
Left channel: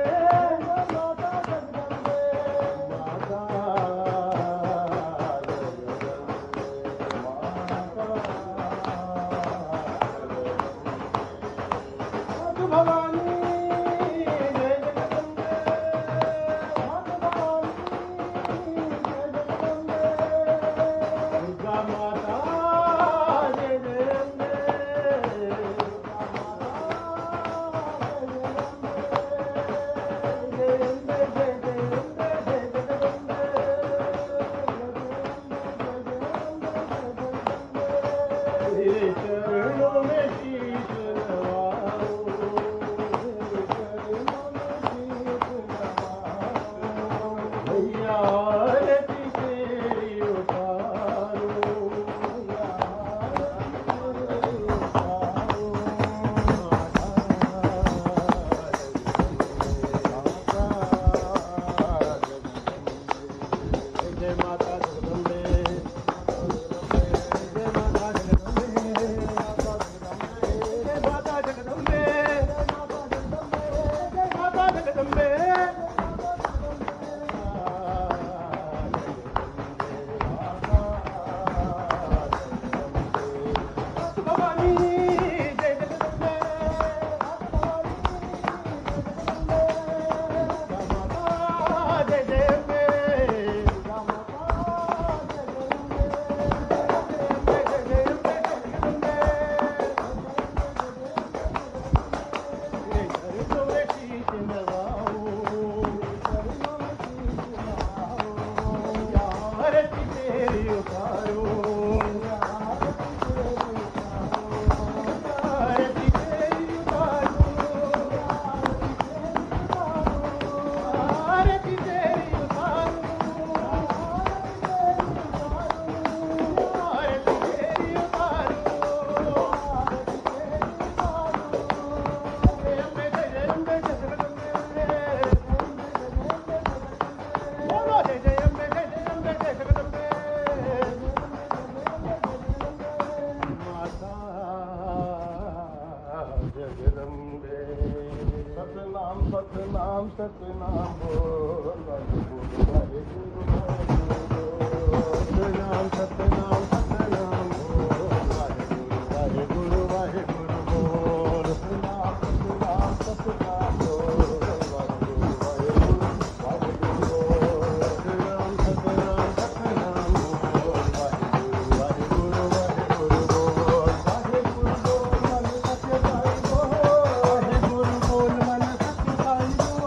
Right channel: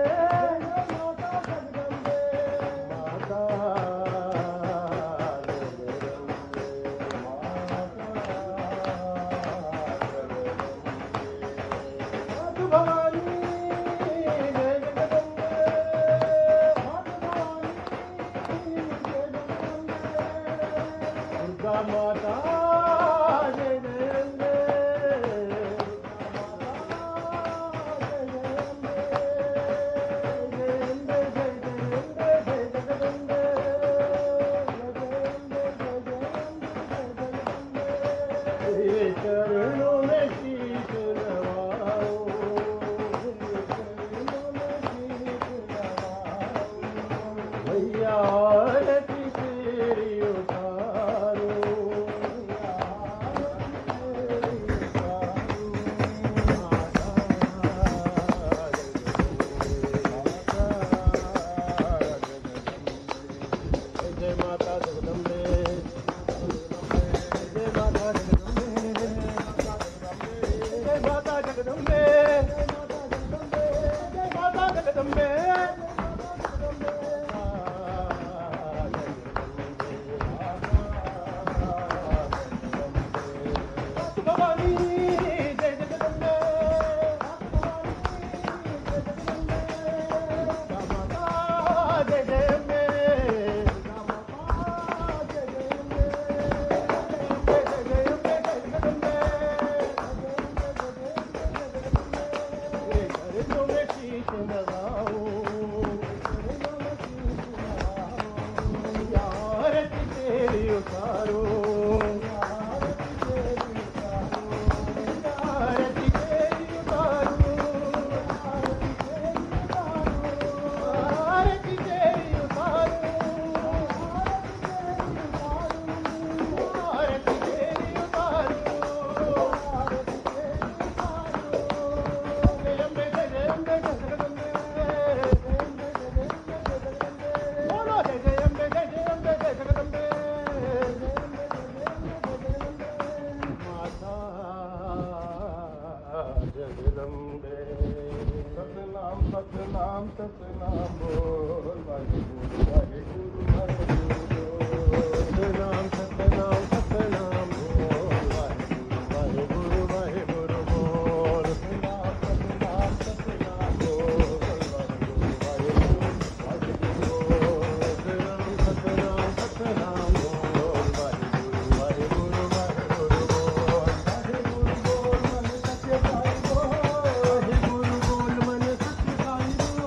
सतनाम सतनाम बोल वाहेगुरु वाहेगुरु सतनाम सतनाम सतनाम बोल वाहेगुरु वाहेगुरु बोल सतनाम सतनाम सतनाम बोल वाहेगुरु वाहेगुरु सतनाम सतनाम सतनाम बोल वाहेगुरु वाहेगुरु वाहेगुरु बोल वाहेगुरु बोल मन सत्य साई बोल वाहेगुरु बोल मन सत्य साई बोल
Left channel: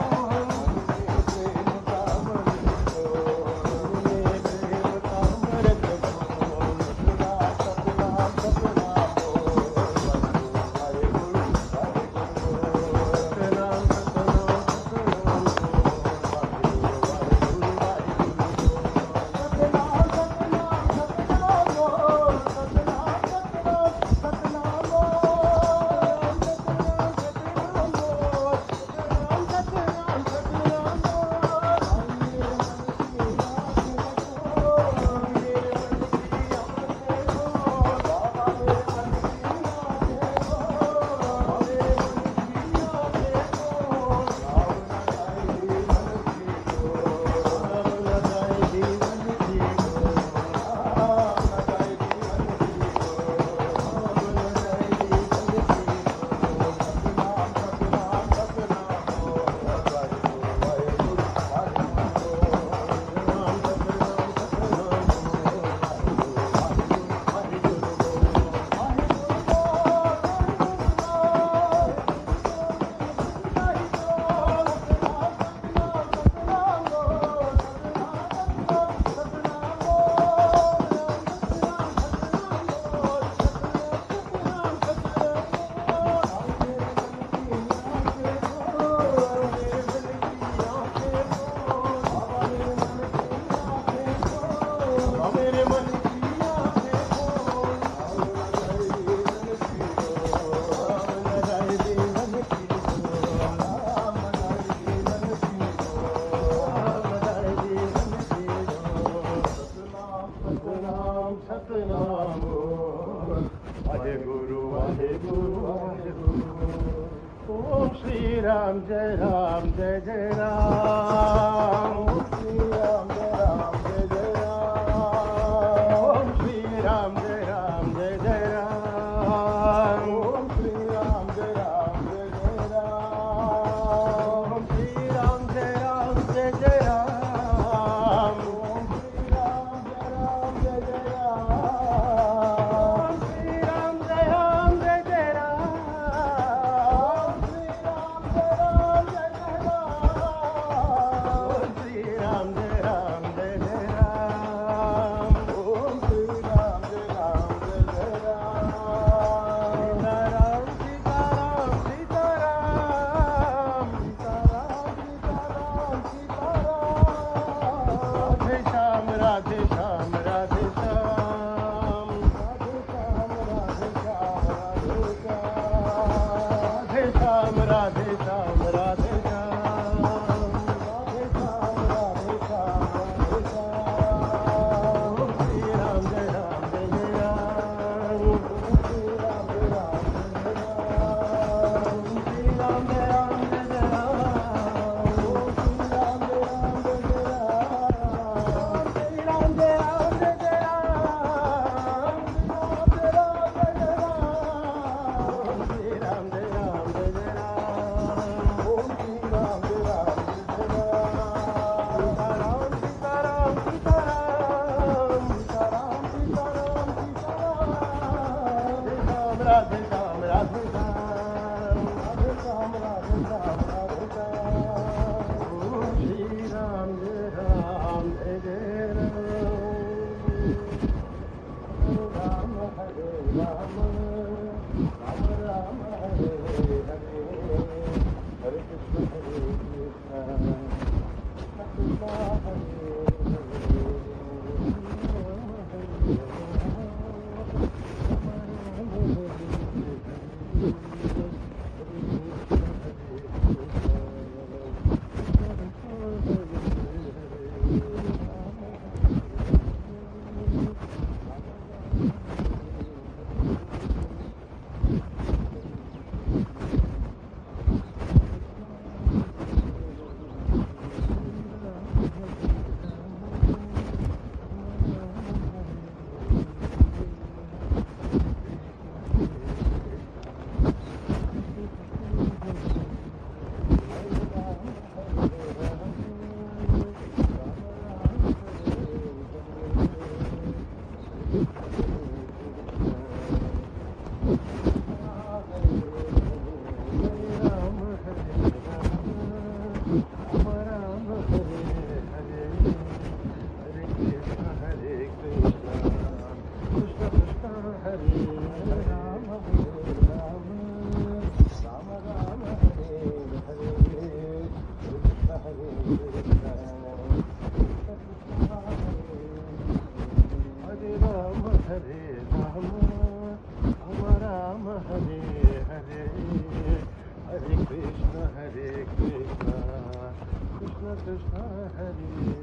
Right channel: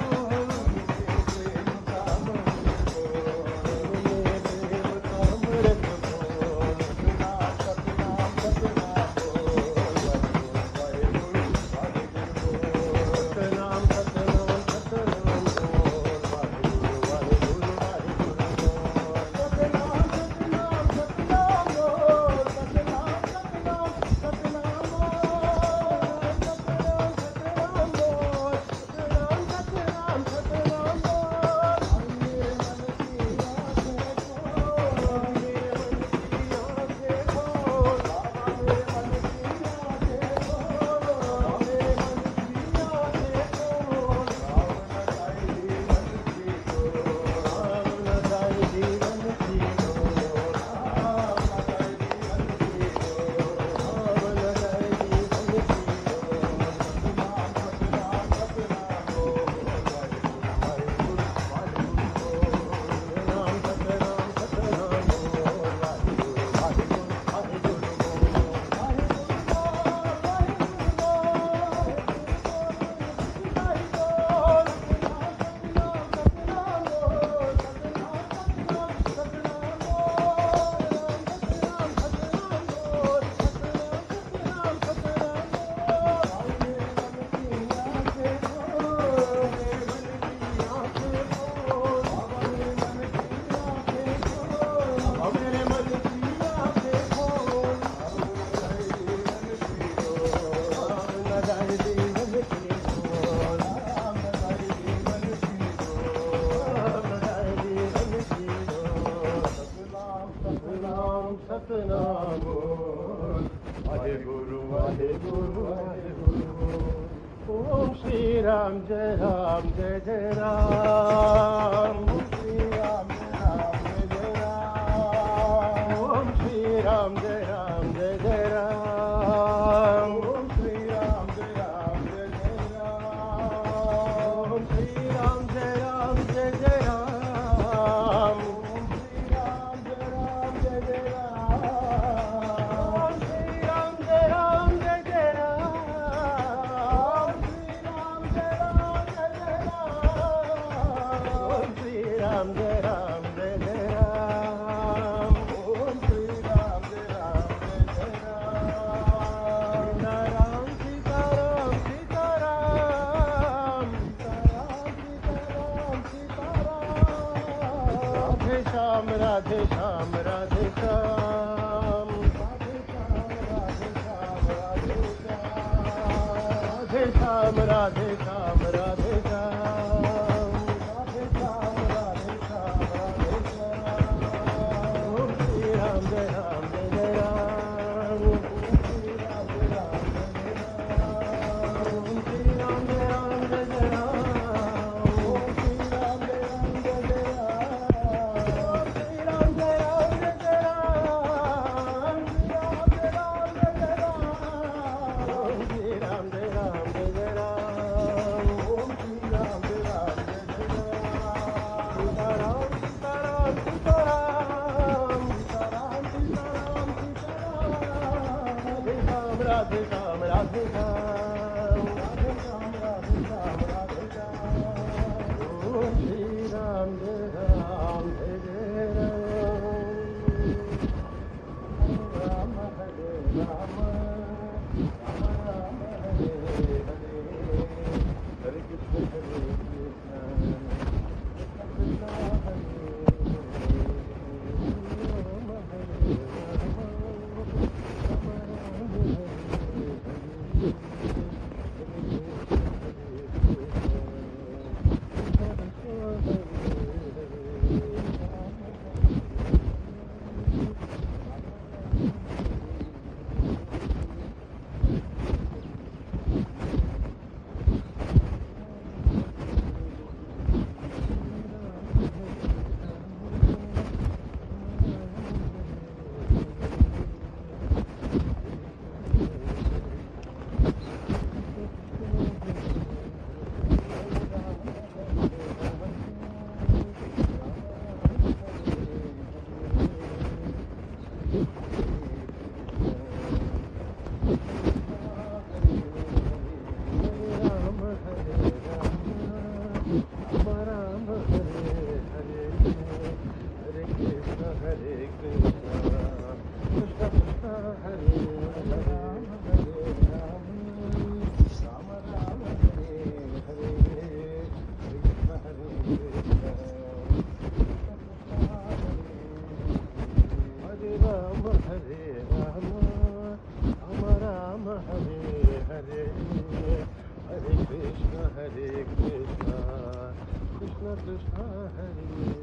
जय जय राम श्री राम जय जय राम श्री राम जय जय राम श्री राम जय जय राम श्री राम जय जय राम श्री राम जय जय राम श्री राम जय जय राम श्री राम श्री राम जय जय राम ओम श्री राम जय जय राम राम सीताराम सीताराम सीताराम सीताराम सीताराम राधे श्याम राधे श्याम राधे श्याम राधे श्याम राधे श्याम राधे श्याम राधे श्याम राधे श्याम राधे श्याम राधे श्याम राधे श्याम श्री राम जय राम श्री राम जय राम श्री राम जय राम जय श्री राम जय राम जय श्री राम जय राम जय श्री राम जय राम जय ओम श्री राम जय राम सीताराम सीताराम सीताराम सीताराम सीताराम राधे श्याम राधे श्याम राधे श्याम राधे श्याम राधे श्याम श्री राम जय जय राम हरे राम राम हरे हरे हरे कृष्ण हरे कृष्ण कृष्ण हरे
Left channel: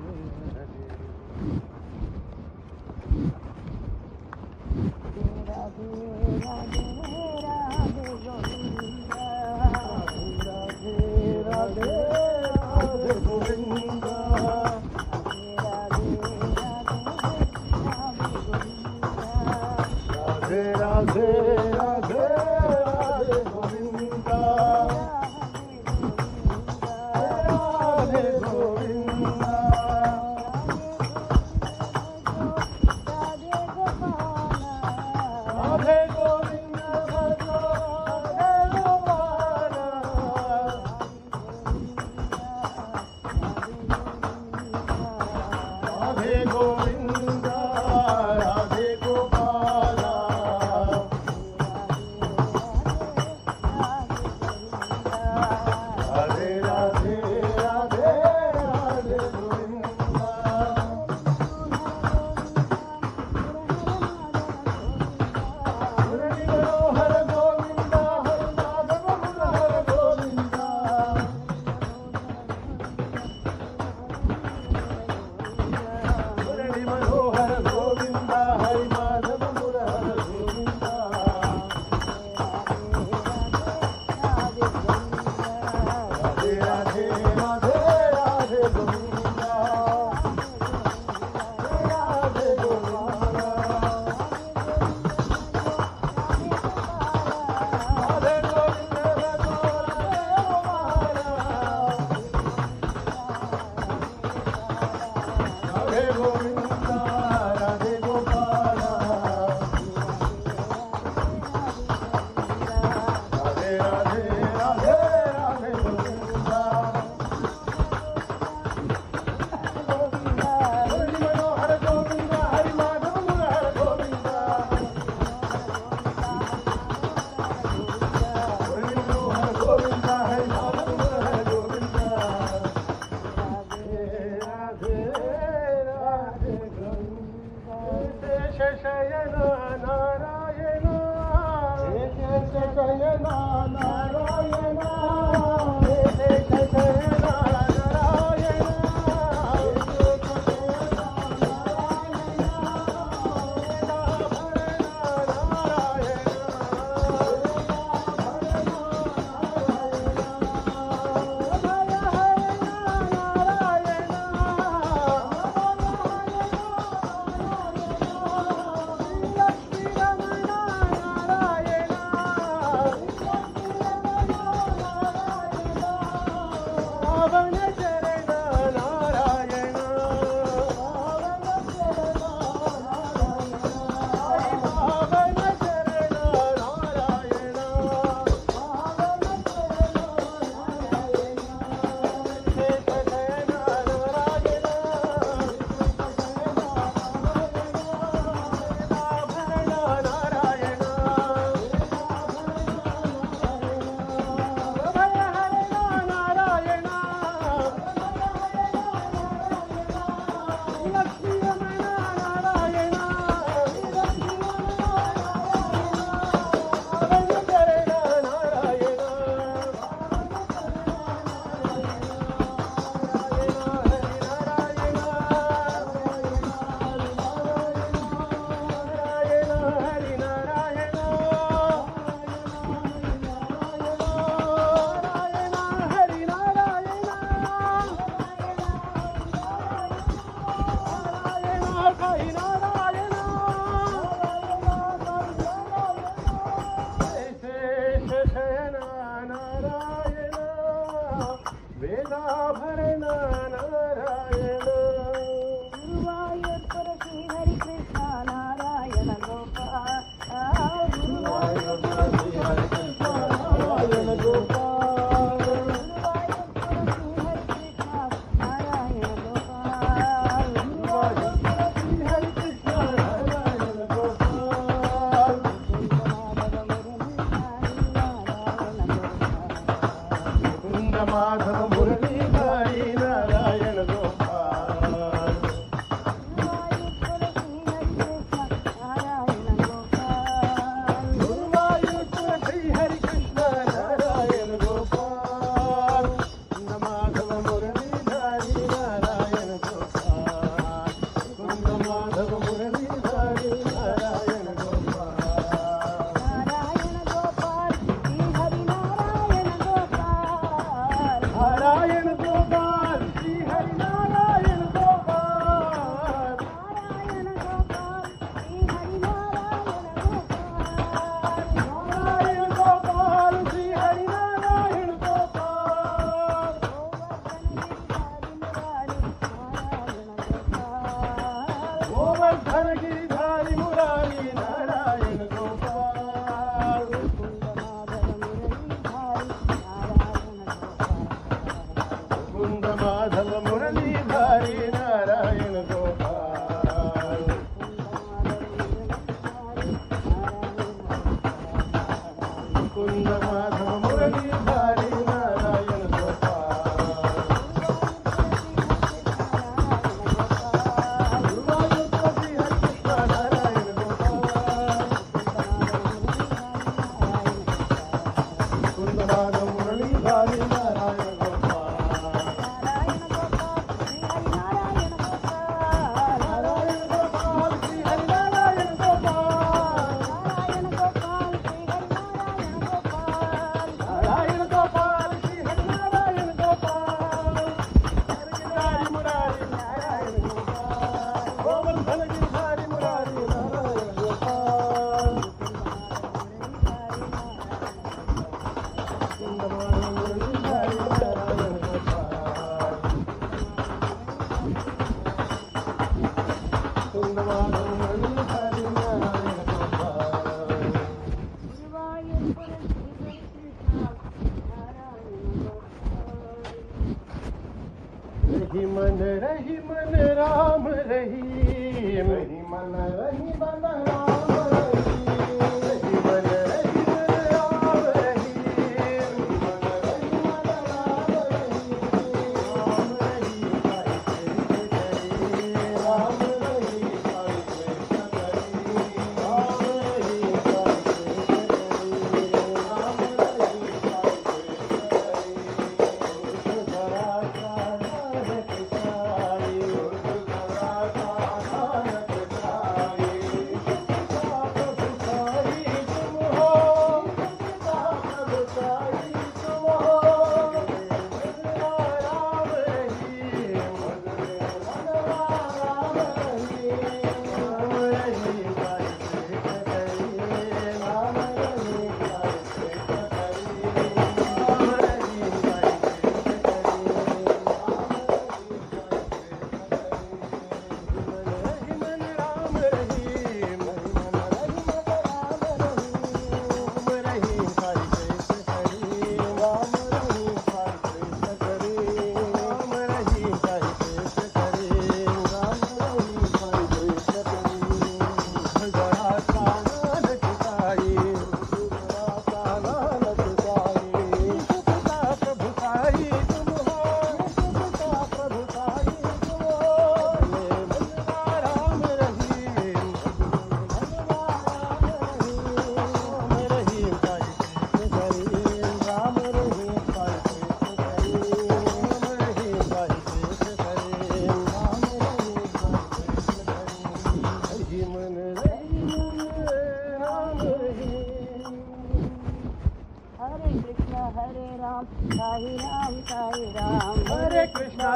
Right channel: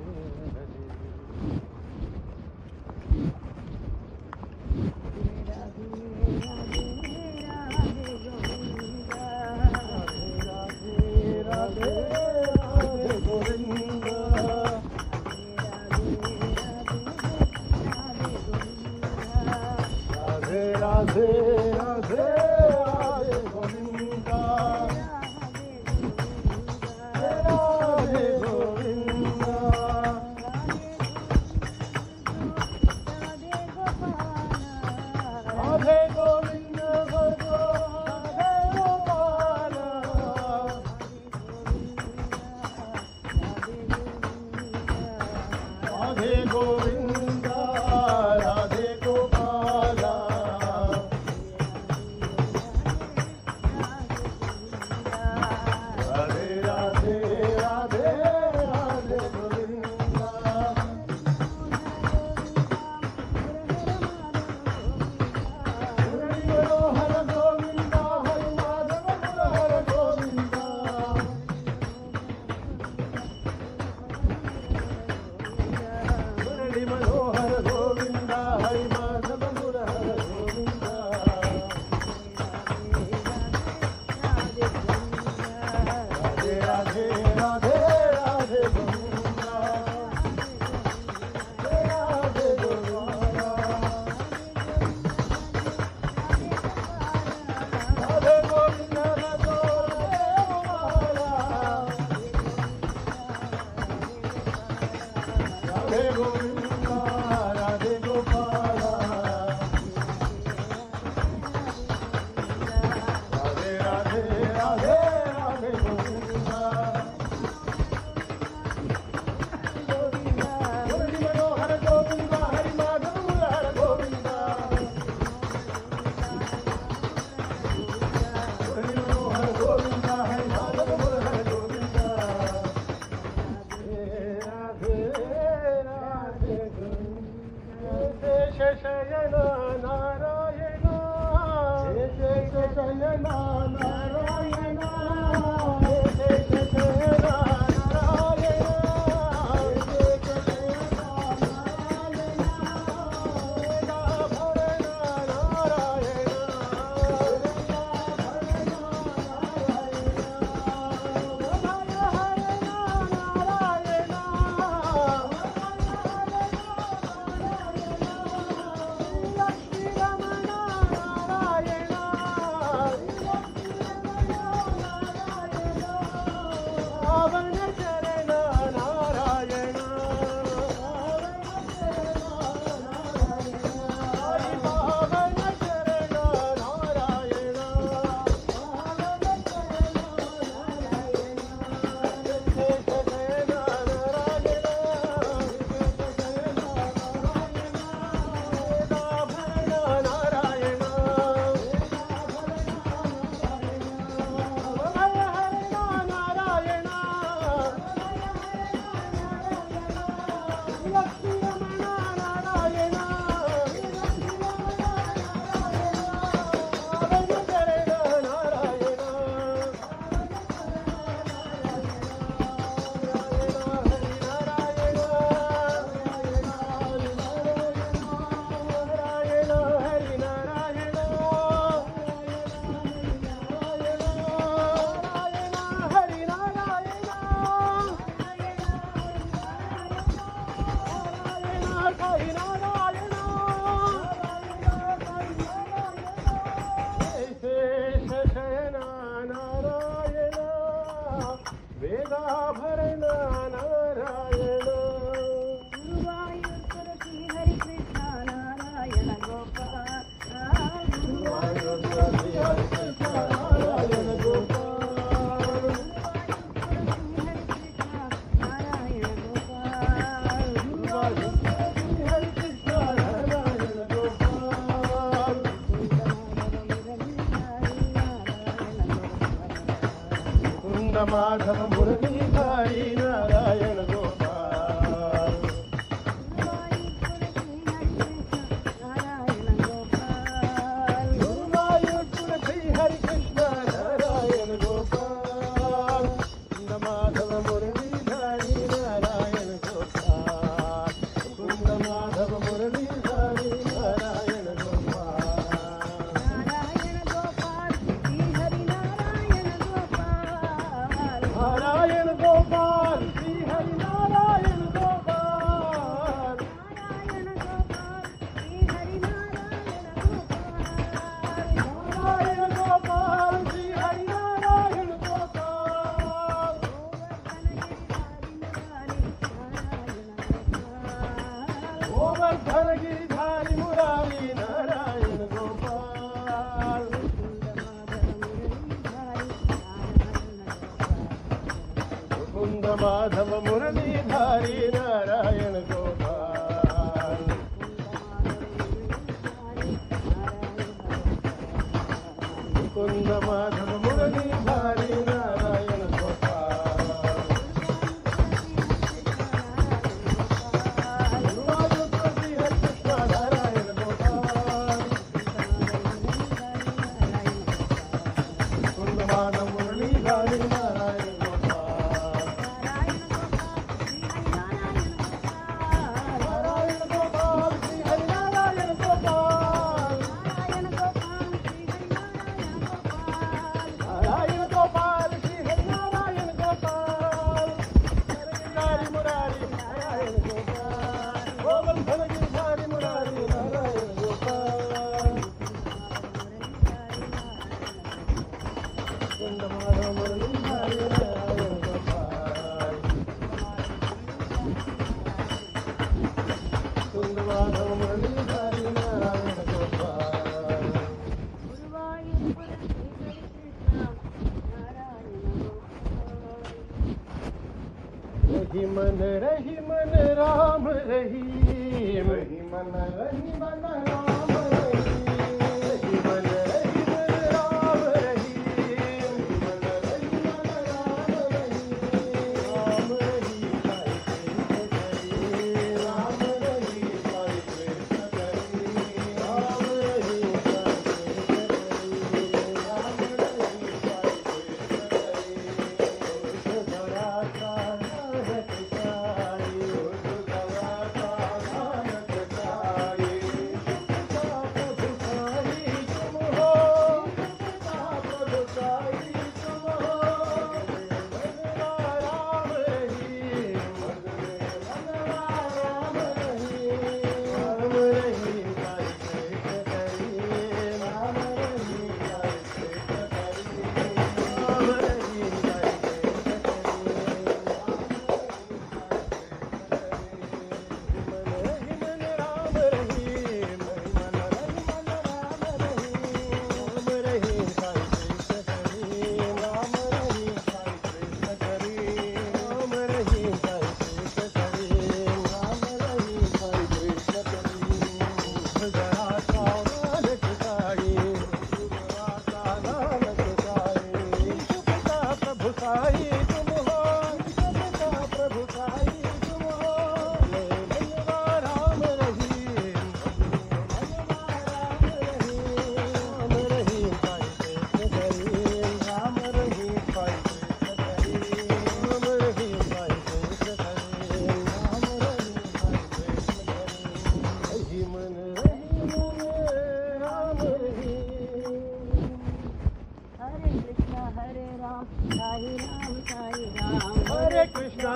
शयन नारायण शयन नारायण रही मन राम रही रही मन राम रही मन रही राम रही मन रही मन राम रही राम रही राम रही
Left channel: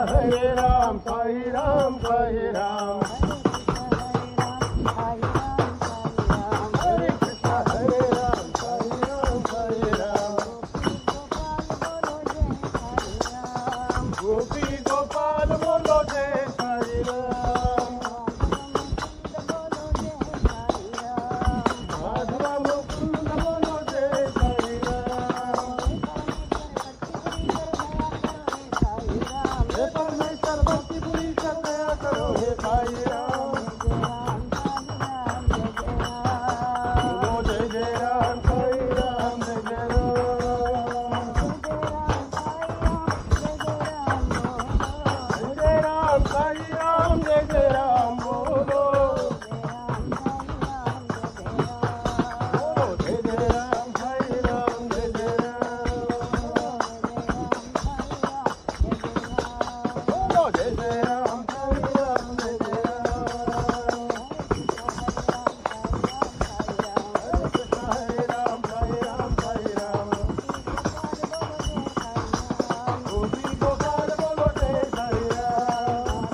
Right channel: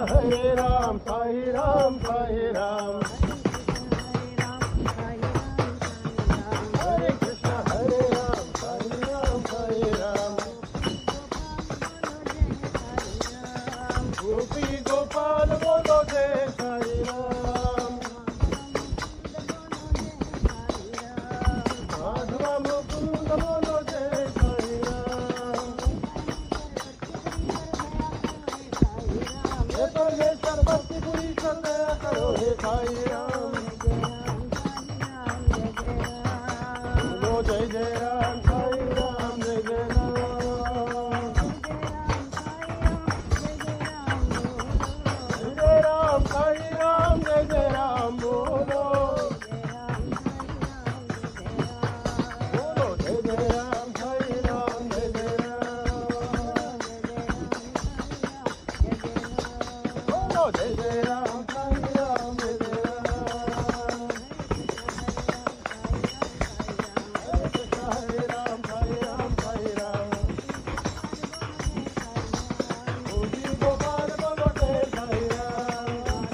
Hare Ram, Sai Ram, Sai Ram. Hare Krishna, Hare Ram, Sai Ram, Sai Ram. Gopi Gopal bolo Jai Sai Ram. Madhava Mukund bolo Jai Sai Ram. हे परमेश्वर भक्ति पूरी करते करो हे साई राम. बोलो जय जय राम, साई राम, जय जय राम. जय जय राम, साई राम, जय जय राम. बोलो जय जय राम, साई राम, जय जय राम. बोलो जय जय राम, साई राम, जय जय राम. हरे कृष्ण, हरे राम, साई राम, साई राम. गोपी गोपाल बोलो जय साई राम.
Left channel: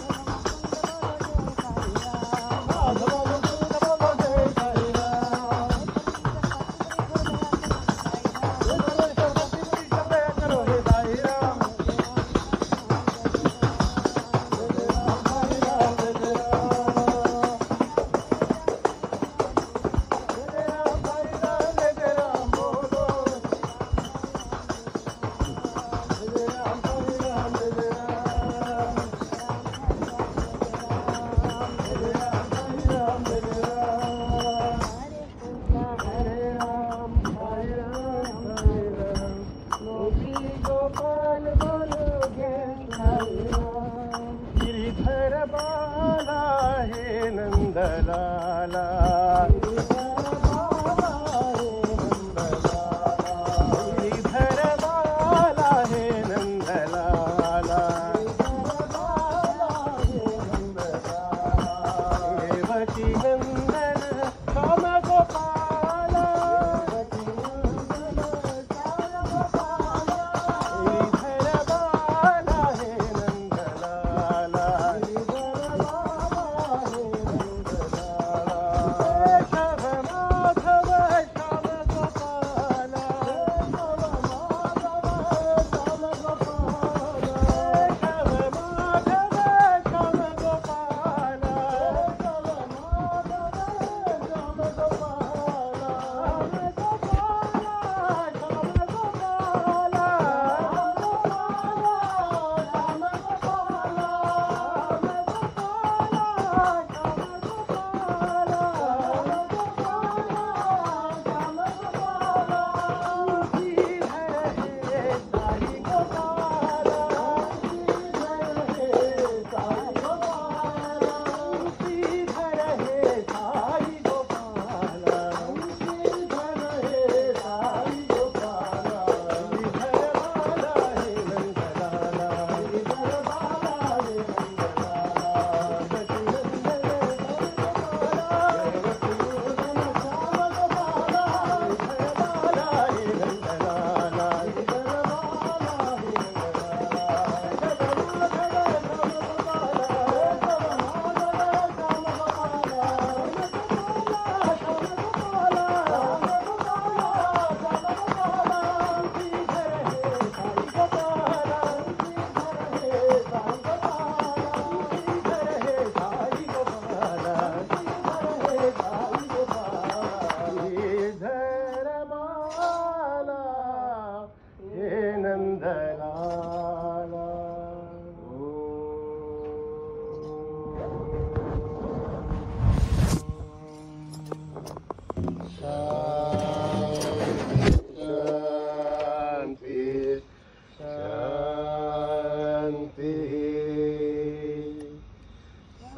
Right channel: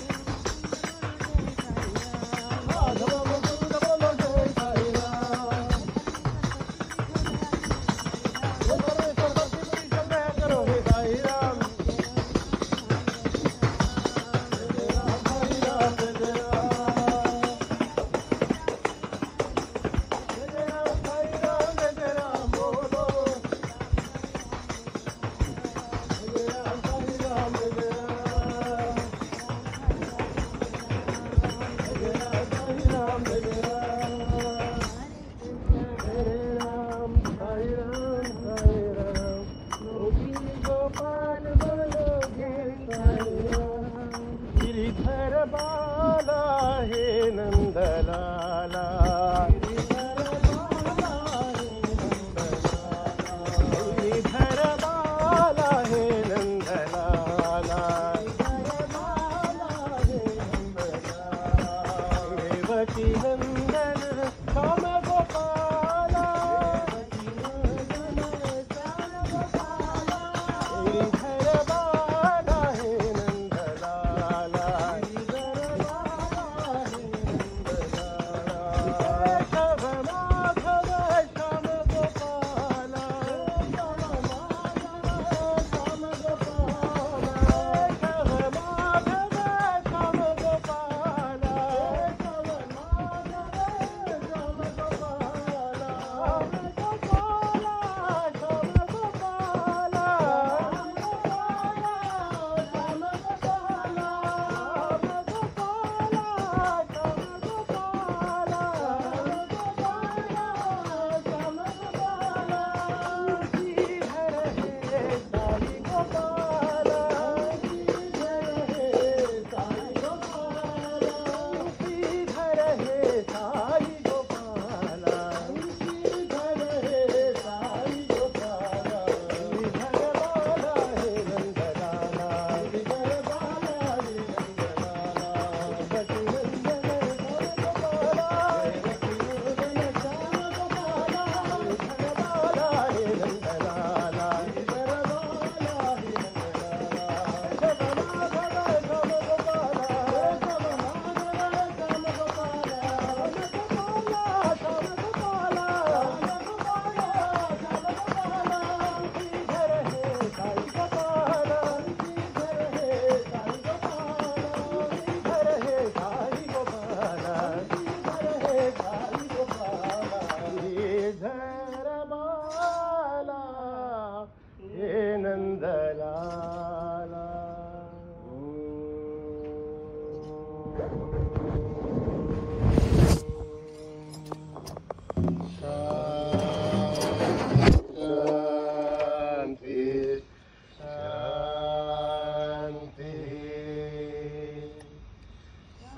माधव मुकुंद बोलो जय साई राम. हे परमेश्वर भक्ति पूरी करते करो हे साई राम. जय जय राम, साई राम, जय जय राम. जय जय राम, साई राम, जय जय राम. बोलो जय जय राम, साई राम, जय जय राम. जय जय राम, साई राम, जय जय राम. हरे राम, साई राम, साई राम. गोपी गोपाल बोलो जय साई राम. गिरिधर बाला हे नंदलाला. गिरिधर बाला हे नंदलाला. देवकी नंदन राम गोपाला. गिरिधर बाला हे नंदलाला. केशव माधव श्याम गोपाला. केशव माधव श्याम गोपाला. केशव माधव श्याम गोपाला. केशव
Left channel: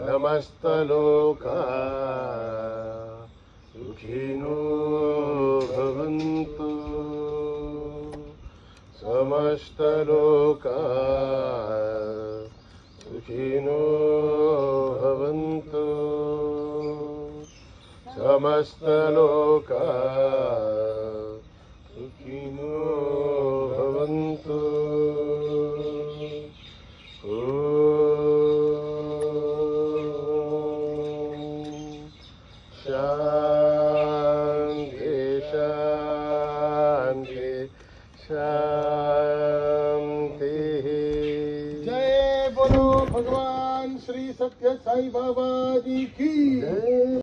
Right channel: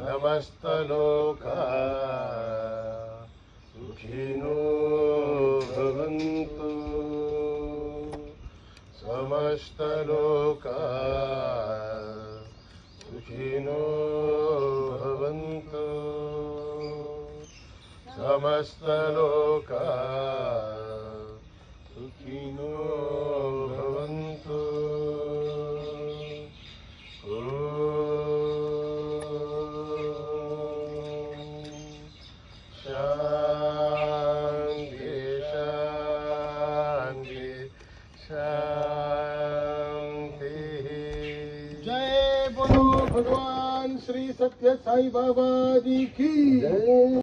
समस्तलोका सुखिनो भवन्तु समस्तलोका सुखिनो भवन्तु समस्तलोका सुखिनो भवन्तु भगवान श्री सत्य साई बाबा जी की जय।